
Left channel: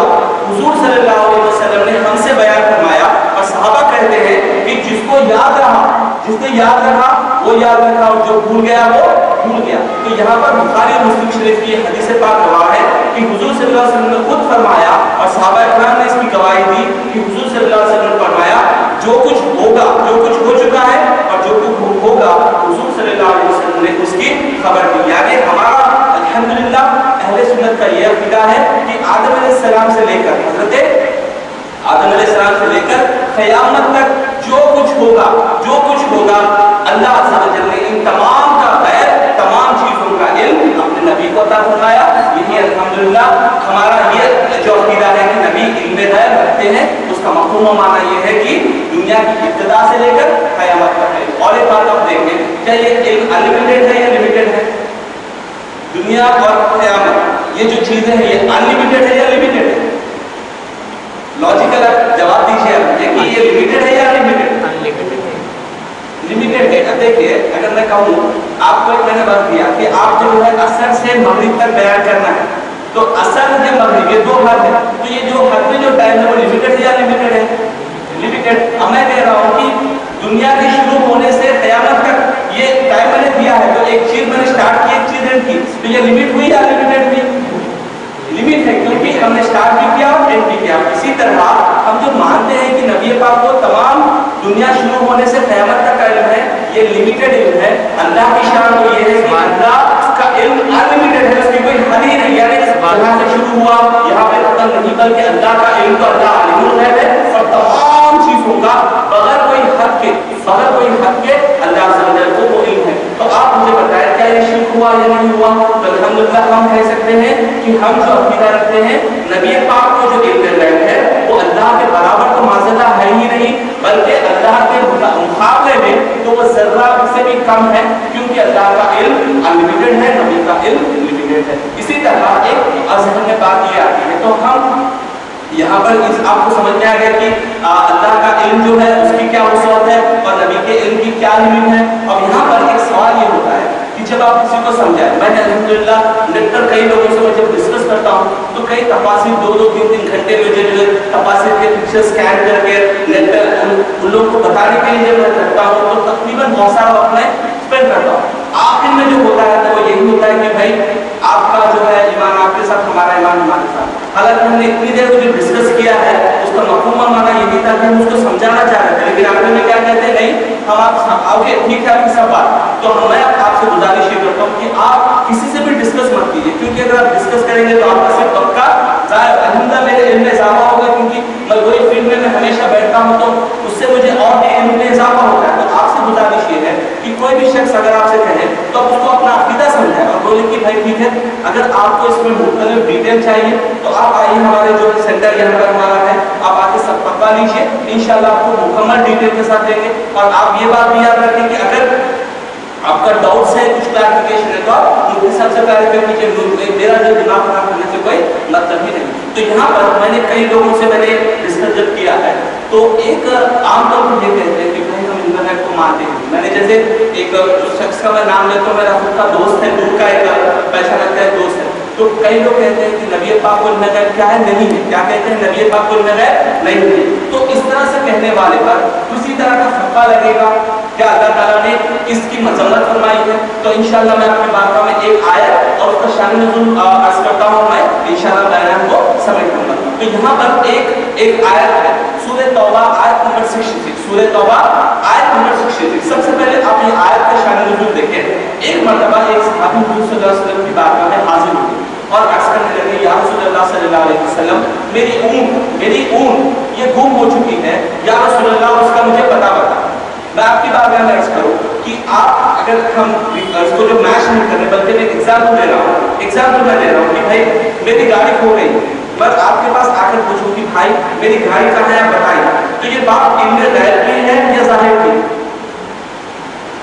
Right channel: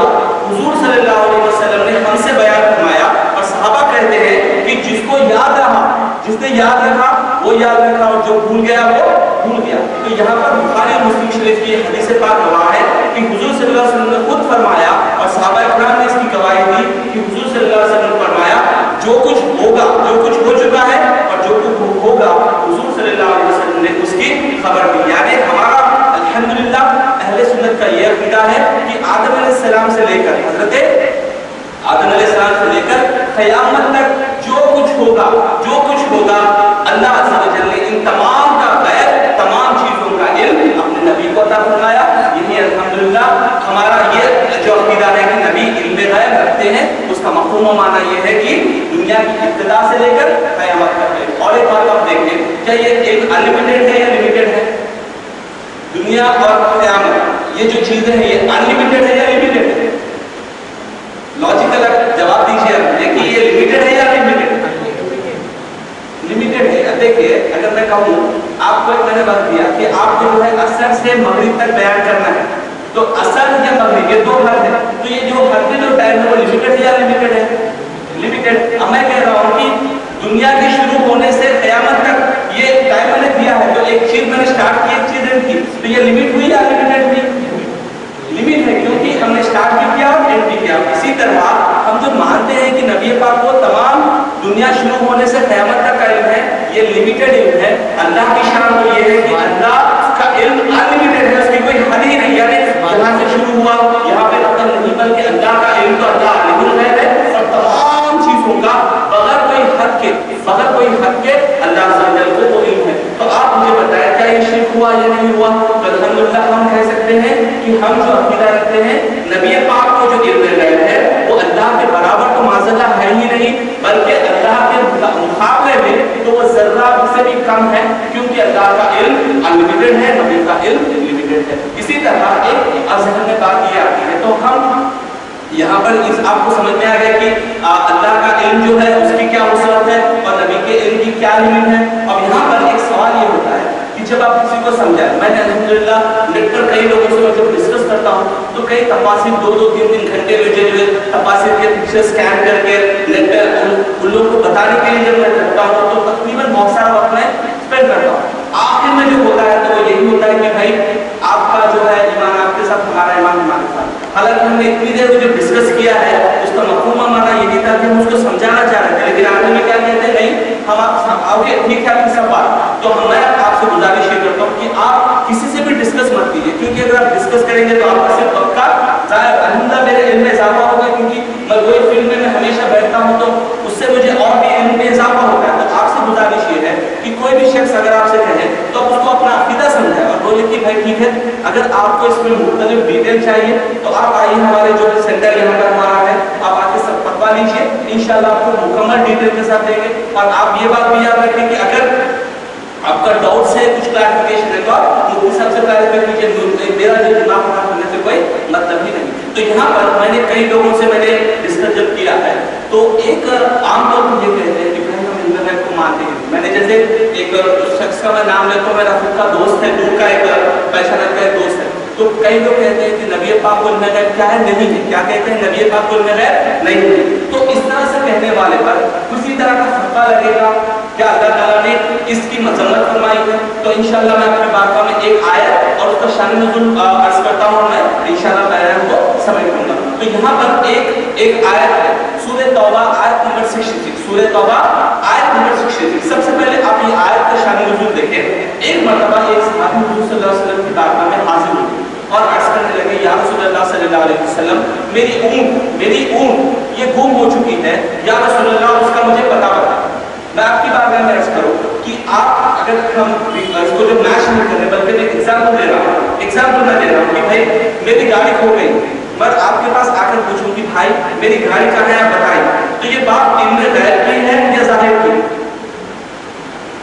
حضور صلی اللہ علیہ وسلم نے ہم سے بیان فرمایا۔ اور صحابہ کہتے ہیں کہ جس کو یاد رہا، جس نے یاد رکھا وہ یاد رکھا، اور جو بھول گیا وہ بھول گیا۔ تو یہاں پر بخاری اور مسلم شریف کی حدیث پاک گواہ ہے کہ حضور صلی اللہ علیہ وسلم نے خود فرمایا اور صحابہ کرام نے اس کی گواہی دی کہ حضور صلی اللہ علیہ وسلم نے فرمایا جو کچھ ہوگا، جو کچھ ہو چکا ہے اور جو کچھ ہوگا حضور صلی اللہ علیہ وسلم نے اس کی خبر دی۔ یعنی ہمارا الحمدللہ اہل سنت کا یہ عقیدہ ہے کہ آدم علیہ السلام سے لے کر حضرت آدم علیہ السلام سے لے کر قیامت تک جو کچھ ہوگا اللہ عز و جل نے ان تمام کا غیب، تمام چیزوں کا علم اپنے نبی کو عطا فرمایا۔ یہی الحمدللہ ہمارا یہ جو عقیدہ ہے کہ نبی علم غیب رکھتے ہیں، اس کا مفہوم و معنی یہ ہے کہ دنیا کی ابتدا سے لے کر قیامت تک ہے۔ اور ایک بات آپ دیکھیں، کیا یہ علم انلمیٹڈ ہے یا لمیٹڈ ہے؟ دنیا اور قیامت یہ جو چیزیں ہیں یہ انلمیٹڈ ہے یا لمیٹڈ ہے؟ لاجیکل جواب دیجیے کہ یہ لمیٹڈ ہے یا لمیٹڈ؟ لمیٹڈ ہے۔ اب دیکھیے اگر میں کہوں آپ کو، میں نے بات دیا کہ آپ کو جو ہے عصر سے مغرب تک بیان کرنا ہے، تو عصر یا مغرب یہ دو حد ہے، تو یہ جو حد میں جو ٹائم ہے وہ لمیٹڈ ہے یا لمیٹڈ ہے؟ لمیٹڈ۔ اب میں کہہ رہا ہوں کہ دنیا کے شروع ہونے سے قیامت تک یہ ٹائم میں نے دیا ہے، تو ایک چیز میں نے اسٹارٹ کی، ایک چیز اینڈ کی، تو یہ لمٹ ہوئی یا لمیٹڈ ہوئی؟ لمٹ ہے، کیونکہ ہم نے اسٹارٹ بھی کیا اور اینڈ بھی کیا۔ اسی طرح ہم جو مانتے ہیں کہ نبی پاک کو تمام دنیا شروع ہونے سے قیامت تک کا علم ہے، یہ لمیٹڈ علم ہے۔ اللہ کی شان تو یہ ہے کہ اللہ کا علم انلمیٹڈ ہے، اس کی کوئی حد ہی نہیں، یعنی یہاں سے شروع ہوا یہاں پہ ختم نہیں، بلکہ اللہ کا علم تو اللہ عالم الغیب ہے، اور تمام چیزوں کا بغیر کوئی حد کے اللہ عز و جل کو وہ علم ہے۔ تو آپ مجھے بتائیں کیا یہ شرک ہوا یا نہیں ہوا؟ تو الحمدللہ ہم کہہ سکتے ہیں کہ ہم جو عقیدہ رکھتے ہیں نبی پاک کو جو علم غیب ہے وہ اللہ کے برابر تو معذاللہ ہے ہی نہیں، بلکہ اللہ کے مقابلے میں تو وہ ذرہ سے بھی کم ہے، کیونکہ اللہ کا علم انلمیٹڈ ہے، نبی کا علم لمیٹڈ ہے۔ اسی طرح ایک ذہن میں بات یہ آتی ہے، تو ہم یہاں پر آپ کو سمجھ میں آ گیا کہ اللہ کا علم جو ہے اس کی کیا وسعت ہے اور نبی کے علم کی کیا لمٹ ہے۔ اب یہاں پر ایک سوال یہ ہوتا ہے کہ جب آپ کسی کو سمجھائیں، میں نے الحمدللہ نیٹ پر کئی لوگوں سے میں جب ڈسکس کرتا ہوں تو کئی تفاسیر 2-3 گھنٹے میں جو ہے تفاسیر کے پکچر اسکین کر کے نیٹ پہ ان لوگوں کو بتانے کے لیے جب میں کرتا ہوں تو تقریباً بہت سارا وقت میں اسپینڈ کرتا ہوں۔ آخر میں جو ہوتا ہے تو وہ یہی ہوتا ہے کہ بھائی آپ کا جو ہے ایمان آپ کے ساتھ، ہمارا ایمان ہمارے ساتھ۔ حالانکہ ہم نے اتنی دیر جو ڈسکس کیا ہے اس کا مفہوم مانا یہی تھا کہ ہم اس کو سمجھانا چاہ رہے تھے، لیکن آخر میں کیا کہتے ہیں نہیں ہم آپ آگے ٹھیک ہے آپ کی سب بات، تو میں آپ سے گزارش یہ کرتا ہوں کہ آپ کسی سے بھی ڈسکس مت کیجیے، کیونکہ اگر آپ ڈسکس کریں گے تو آپ کا صرف وقت کا ضائع۔ الحمدللہ میرے علم میں اضافہ ہوگا، کیونکہ میں وہی فیلڈ میں ہمیشہ بیٹھتا ہوں تو اس سے مجھے اور بھی علم میں اضافہ ہوتا ہے۔ تو آپ سے گزارش یہ ہے کہ کوئی بھی شخص اگر آپ سے کہے تو آپ اس کو اپنا عقیدہ سمجھائیں اور بولے کہ بھائی ٹھیک ہے اگر آپ کو اس میں مختلف ڈیٹیل چاہیے تو آپ آئیے، ہمارے جو سینٹر یہاں پر ہمارا ہے، آپ آ کے سب پکوا لیجیے، انشاءاللہ آپ کو مکمل ڈیٹیل کے ساتھ دیں گے۔ اور آپ یہ بات بھی یاد رکھیں کہ اگر آپ کا ڈاؤٹس ہے، کچھ کلیریفیکیشن ہے تو آپ مفتی صاحب سے کلیریفائی کیجیے، میرا جو دماغ خراب کرنے سے کوئی مطلب ہی نہیں۔ تو یہاں پر میں نے کئی لوگوں سے میں نے ڈسکس جب کیا ہے تو ایک عام طور پر یہ کہتے ہیں کہ بھائی ہم انٹرنیٹ کو مانتے ہیں۔ میں نے جیسے ایک شخص کا میں نام لیتا ہوں، میرا خود کا دوست ہے، دور کا ایک پہچان کا ایک دوست ہے، تو کئی لوگ کہتے ہیں کہ نبی پاک کو علم غیب کیا ہے؟ نہیں ہے۔ کیا کہتے ہیں؟ نبی پاک کو علم غیب نہیں ہے۔ تو اس طرح سے کہنے والے پر کسی طرح کا فرقہ لگے گا کیا اللہ تعالیٰ نے اس کی مذمت فرمائی ہے؟ تو انشاءاللہ میں اپنی بارگاہ میں ایک آیت اور اس کا شان نزول عرض کرتا ہوں، میں انشاءاللہ بیان کو سمجھ لوں گا۔ تو یہاں پر ایک آیت ہے سورہ توبہ آیت نمبر 66، سورہ توبہ آیت نمبر 66۔ سب سے پہلے آپ یہ آیت کا شان نزول دیکھیں۔ ایک مرتبہ ایک صحابی حضور صلی اللہ علیہ وسلم کی بارگاہ میں حاضر ہوئے اور عرض کرنے لگے یا رسول اللہ صلی اللہ علیہ وسلم میری اونٹ یہ گم ہو چکی ہے، یا رسول اللہ اس کا مجھے پتہ بتا۔ میں آپ کی بارگاہ میں عرض کروں کہ آپ اگر ہم اس کو جو میچ نہیں کر رہے بلکہ میں ایگزامپل دے رہا ہوں کہ بھائی میری گاڑی کھو گئی، میں آپ کے پاس آ کر پوچھوں کہ بھائی میری گاڑی کہاں ہے آپ بتائیں، تو یہ بات علم غیب کی ہے یا ظاہر کی؟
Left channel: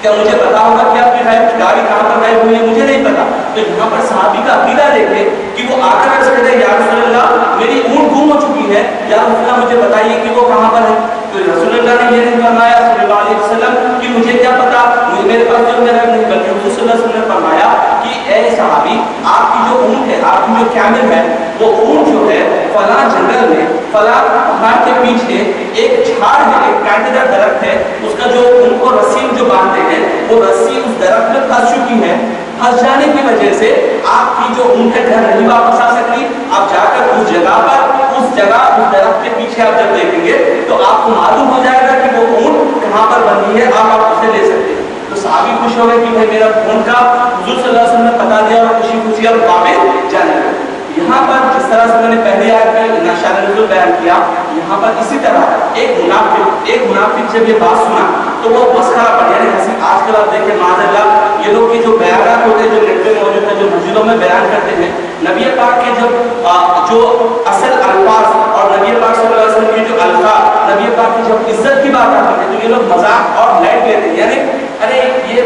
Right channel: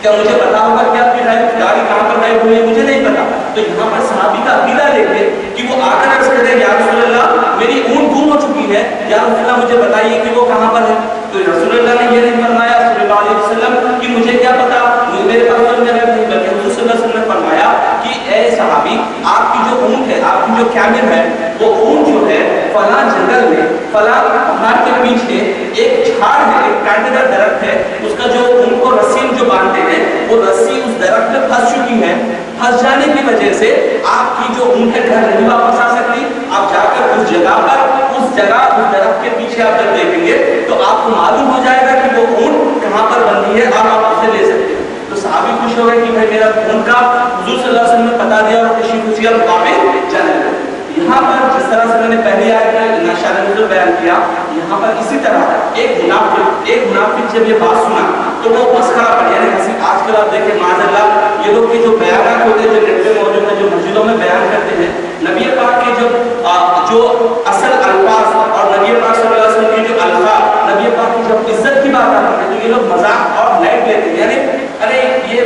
کیا مجھے پتا ہوگا کہ آپ کی گاڑی کہاں پر غائب ہوئی ہے؟ مجھے نہیں پتا۔ تو یہاں پر صحابی کا عقیدہ دیکھیں کہ وہ آ کر عرض کرے یا رسول اللہ میری اونٹ گم ہو چکی ہے، یا رسول اللہ مجھے بتائیے کہ وہ کہاں پر ہے۔ تو رسول اللہ نے یہ نہیں فرمایا صلی اللہ علیہ وسلم کہ مجھے کیا پتا، میرے پاس تو نہیں، بلکہ حضور صلی اللہ علیہ وسلم نے فرمایا کہ اے صحابی آپ کی جو اونٹ ہے، آپ کی جو کیمل ہے، وہ اونٹ جو ہے فلاں جنگل میں فلاں پہاڑ کے پیچھے ایک جھاڑ ہے، ایک کانٹے دار درخت ہے، اس کا جو ان کو رسی جو باندھتے ہیں وہ رسی اس درخت میں پھنس چکی ہے، پھنس جانے کی وجہ سے آپ کی جو اونٹ ہے گھر نہیں واپس آ سکتی۔ آپ جا کر اس درخت کے پیچھے آپ جب دیکھیں گے تو آپ کو معلوم ہو جائے گا کہ وہ اونٹ کہاں پر بندھی ہے، آپ اسے لے سکتے ہیں۔ تو صحابی خوش ہو گئے کہ بھائی میرا اونٹ کا حضور صلی اللہ علیہ وسلم نے بتا دیا اور خوشی اور واپس جانے لگے۔ یہاں پر جس طرح سے میں نے پہلے آیت میں شان نزول بیان کیا، یہاں پر اسی طرح ایک منافق جب یہ بات سنا تو وہ مسخرہ پڑ، یعنی ہنسی۔ آج کل آپ دیکھیں معاذ اللہ یہ لوگ کے جو بیانات ہوتے ہیں جو نیٹ پہ موجود ہیں، جو مسجدوں میں بیان کرتے ہیں، نبی پاک کے جو اصل الفاظ اور نبی پاک صلی اللہ علیہ وسلم کے جو الفاظ، نبی پاک کی جب عزت کی بات آتی ہے تو یہ لوگ مذاق اور لائٹ لیتے ہیں، یعنی ارے یہ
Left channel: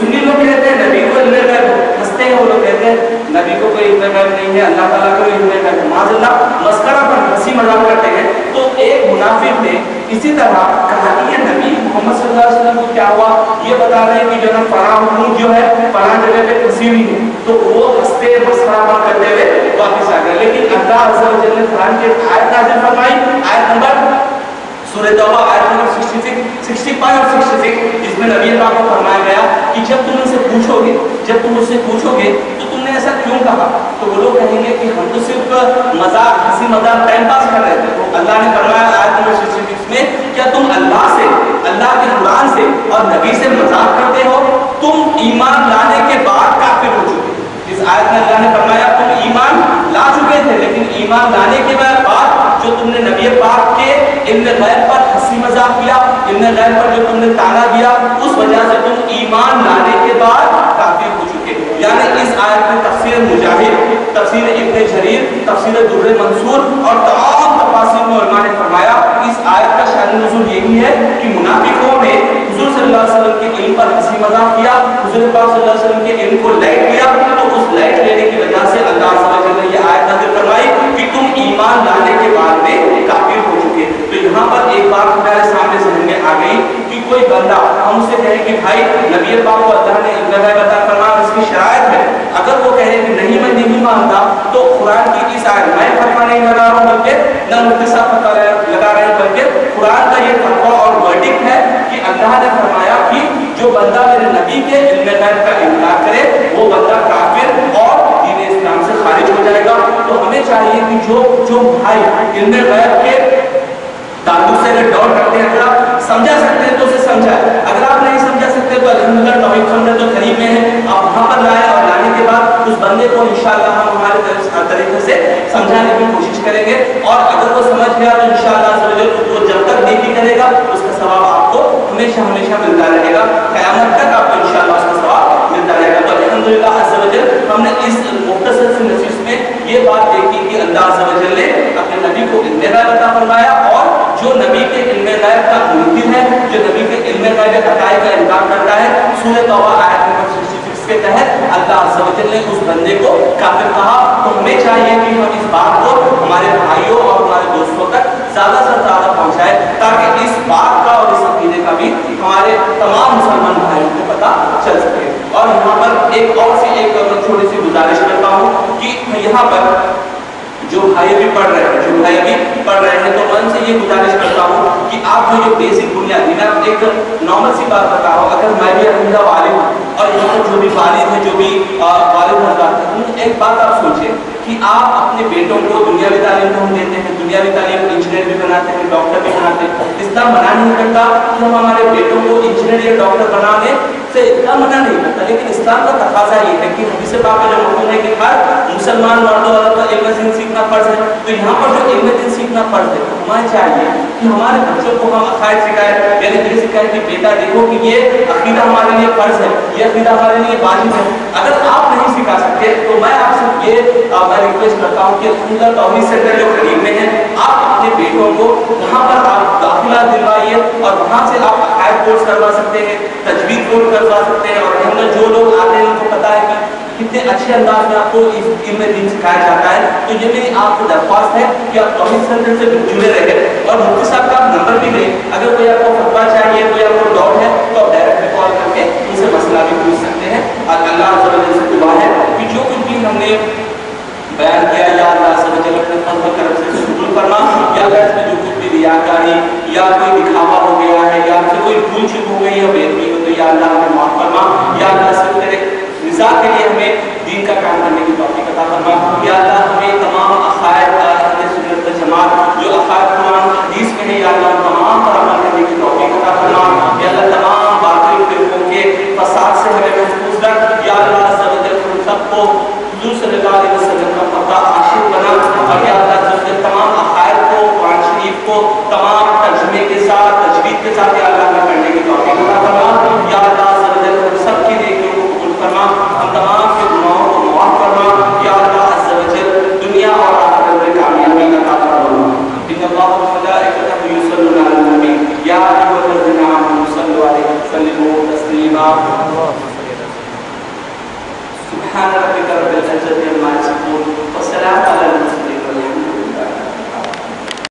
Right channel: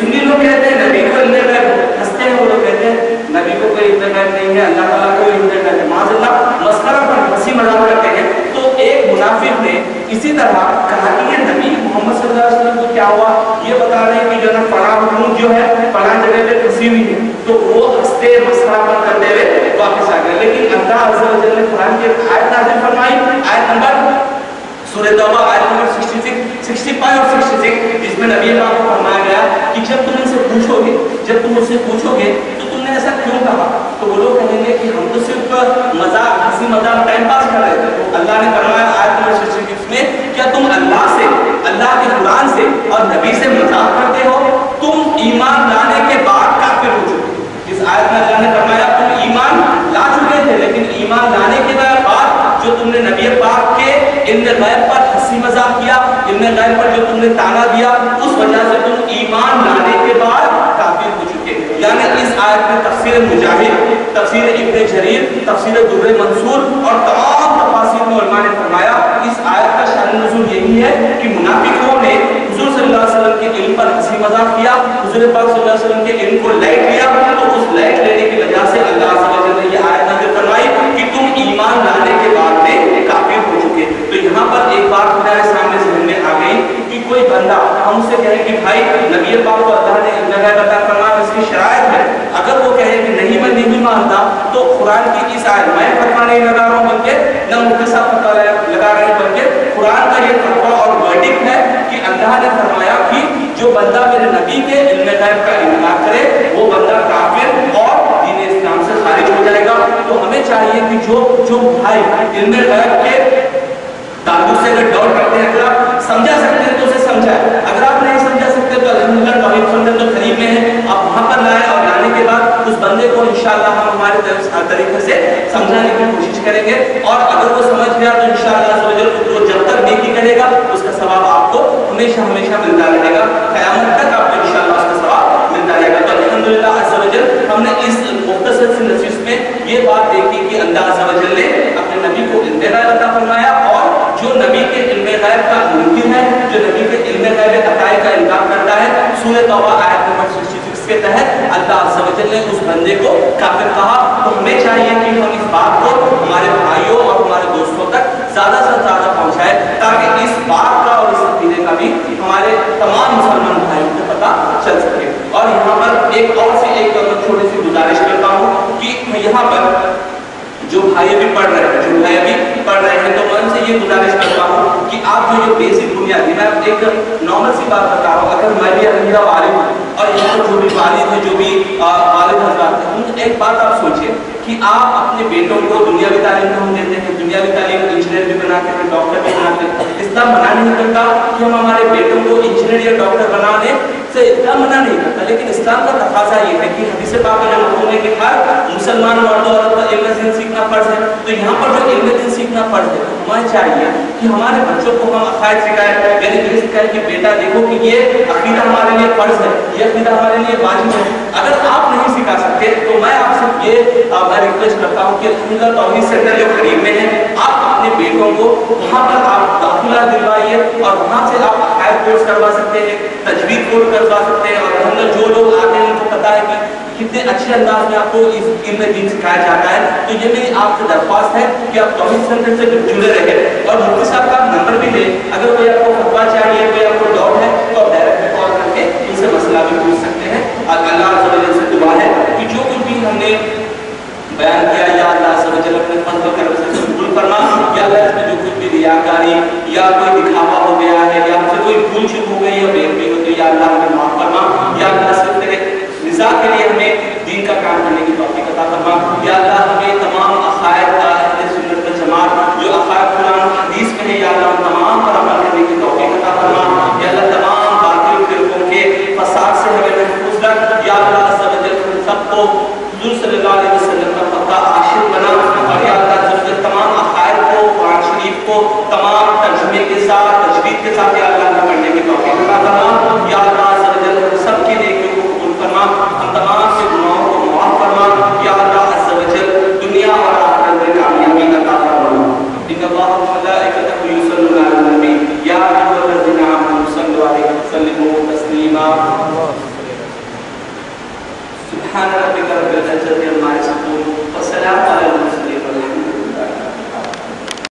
سنی لوگ کہتے ہیں نبی کو علم غیب، ہنستے ہیں وہ لوگ کہتے ہیں نبی کو کوئی علم غیب نہیں ہے، اللہ تعالیٰ کو علم غیب ہے، معاذ اللہ مسخرہ پر ہنسی مذاق کرتے ہیں۔ تو ایک منافق نے اسی طرح کہا کہ یہ نبی محمد صلی اللہ علیہ وسلم کو کیا ہوا، یہ بتا رہے ہیں کہ جو نا فلاں اونٹ جو ہے فلاں جگہ پہ پھنسی ہوئی ہے، تو وہ ہنستے مسخرہ پر کرتے ہوئے واپس آ گئے۔ لیکن اللہ عز و جل نے قرآن کی آیت نازل فرمائی، آیت نمبر سورہ توبہ آیت نمبر 65 اور 66، جس میں نبی پاک کو فرمایا گیا کہ جب تم ان سے پوچھو گے تو تم نے ایسا کیوں کہا، تو وہ لوگ کہیں گے کہ ہم تو صرف مذاق ہنسی مذاق ٹائم پاس کر رہے تھے۔ تو اللہ نے فرمایا آیت نمبر 66 میں کیا تم اللہ کے قرآن سے اور نبی سے مذاق کرتے ہو؟ تم ایمان لانے کے بعد کافر ہو چکے۔ اس آیت میں اللہ نے فرمایا تم ایمان لا چکے تھے، لیکن ایمان لانے کے بعد جو تم نے نبی پاک کے علم غیب پر ہنسی مذاق کیا، علم غیب پر جو تم نے تانا دیا، اس وجہ سے تم ایمان لانے کے بعد کافر ہو چکے۔ یعنی اس آیت میں تفسیر مجاہد، تفسیر ابن جریر، تفسیر در منصور اور تمام تفاسیر میں علماء نے فرمایا اس آیت کا شأن نزول یہی ہے کہ منافقوں نے حضور صلی اللہ علیہ وسلم کے علم پر ہنسی مذاق کیا، حضور پاک صلی اللہ علیہ وسلم کے علم کو لائٹ لیا، تو اس لائٹ لینے کی وجہ سے اللہ عز و جل نے یہ آیت نازل فرمائی کہ تم ایمان لانے کے بعد میں کافر ہو چکے۔ تو یہاں پر ایک بات ہمارے سامنے ذہن میں آ گئی کہ کوئی بندہ ہم اسے کہے کہ بھائی نبی پاک کو اللہ نے علم غیب عطا فرمایا، اس کی شرائط ہے، اگر وہ کہے کہ نہیں میں نہیں مانتا تو قرآن کی اس آیت میں فتویٰ نہیں لگا رہا ہوں بلکہ نہ مفتی صاحب فتویٰ لگا رہے ہیں بلکہ قرآن کا یہ فتویٰ اور ورڈکٹ ہے کہ اللہ نے فرمایا کہ جو بندہ میرے نبی کے علم غیب کا انکار کرے وہ بندہ کافر اور دین اسلام سے خارج ہو جائے گا۔ تو ہمیں چاہیے کہ جو بھائی علم غیب کے تعلق سے اگر ڈاؤٹ کرتے ہیں، اگر آپ سمجھا سکتے ہیں تو اسے سمجھائیں، اگر آپ نہیں سمجھا سکتے تو الحمدللہ توحید سنت تو قریب میں ہے، آپ وہاں پر لائیں اور لانے کے بعد اس بندے کو انشاءاللہ ہم ہمارے طریقے سے سمجھانے کی کوشش کریں گے، اور اگر وہ سمجھ گیا تو انشاءاللہ وہ جب تک نیکی کرے گا اس کا ثواب آپ کو ہمیشہ ہمیشہ ملتا رہے گا، قیامت تک آپ کو انشاءاللہ اس کا ثواب ملتا رہے گا۔ تو الحمدللہ عز و جل ہم نے اس مختصر سی نشست میں یہ بات دیکھی کہ اللہ عز و جل نے اپنے نبی کو علم غیب عطا فرمایا، اور جو نبی کے علم غیب کا منکر ہے، جو نبی کے علم غیب عطائی کا انکار کرتا ہے، سورہ توبہ آیت نمبر 66 کے تحت اللہ عز و جل نے اس بندے کو کافر کہا۔ تو ہمیں چاہیے کہ ہم اس بات کو ہمارے بھائیوں اور ہمارے دوستوں تک زیادہ سے زیادہ پہنچائیں تاکہ اس بات کا اور اس عقیدے کا بھی ہمارے تمام مسلمان بھائیوں کو پتہ چل سکے۔ اور یہاں پر ایک اور سی ایک چھوٹی سی گزارش کرتا ہوں کہ یہاں پر جو بھائی بھی پڑھ رہے ہیں تو میں ان سے یہ گزارش کرتا ہوں کہ آپ جو بیسک بنیادی، میں ایک نارمل سی بات بتا رہا ہوں، اگر میں بھی الحمدللہ والد ہوں اور یہاں پر جو بھی والد ہیں، جو بھی والد حضرات ہیں، ایک بات آپ سوچیں کہ آپ اپنے بیٹوں کو دنیاوی تعلیم تو ہم دیتے ہیں، دنیاوی تعلیم انجینئر بھی بناتے ہیں، ڈاکٹر بھی بناتے ہیں، اسلام منع نہیں کرتا کہ ہم ہمارے بیٹوں کو انجینئر یا ڈاکٹر بنانے سے اسلام منع نہیں کرتا، لیکن اسلام کا تقاضا یہ ہے کہ حدیث پاک میں جو مفہوم ہے کہ ہر مسلمان مرد و عورت کو علم دین سیکھنا فرض ہے، تو یہاں پر جو علم دین سیکھنا فرض ہے تو ہمیں چاہیے کہ ہمارے بچوں کو ہم عقائد سکھائیں، یعنی یہ سکھائیں کہ بیٹا دیکھو کہ یہ عقیدہ ہمارے لیے فرض ہے، یہ عقیدہ ہمارے لیے واجب ہے۔ اگر آپ نہیں سکھا سکتے تو میں آپ سے یہ میں ریکویسٹ کرتا ہوں کہ الحمدللہ توحید سینٹر جو قریب میں ہے، آپ اپنے بیٹوں کو وہاں پر آپ داخلہ دلوائیے اور وہاں سے آپ عقائد کورس کروا سکتے ہیں، تجوید کورس کروا سکتے ہیں، اور الحمدللہ جو لوگ آتے ہیں ان کو پتہ ہے کہ کتنے اچھے انداز میں آپ کو اس علم دین سکھایا جاتا ہے۔ تو یہ میری آپ سے درخواست ہے کہ آپ توحید سینٹر سے جڑے رہیں، اور مفتی صاحب کا نمبر بھی دیں، اگر کوئی آپ کو فتویٰ چاہیے، کوئی آپ کو ڈاؤٹ ہے تو آپ ڈائریکٹ کال کر کے ان سے مسئلہ بھی پوچھ سکتے ہیں۔ اور اللہ عز و جل سے دعا ہے کہ جو کچھ بھی ہم نے بیان کیا یا اللہ عز و جل اپنے فضل و کرم سے قبول فرما، یا اللہ اس میں جو کچھ بھی ریاکاری یا کوئی دکھاوا ہو گیا ہے یا ہم سے کوئی بھول چوک ہو گئی ہے بے علمی ہو تو یا اللہ ہمیں معاف فرما، یا اللہ صرف تیرے نظام کے لیے ہمیں دین کا کام کرنے کی توفیق عطا فرما، یا اللہ ہمیں تمام عقائد اہل سنت و جماعت جو عقائد قرآن و حدیث میں ہے یا اللہ تمام پر عمل کرنے کی توفیق عطا فرما، یا اللہ تمام باطل فرقوں کے فساد سے ہمیں محفوظ رکھ، یا اللہ عز و جل ہم سب کو حضور صلی اللہ علیہ وسلم کا پکا عاشق بنا، اور یا اللہ تمام عقائد کو، قرآن شریف کو تمام ترجمے کے ساتھ، تجوید کے ساتھ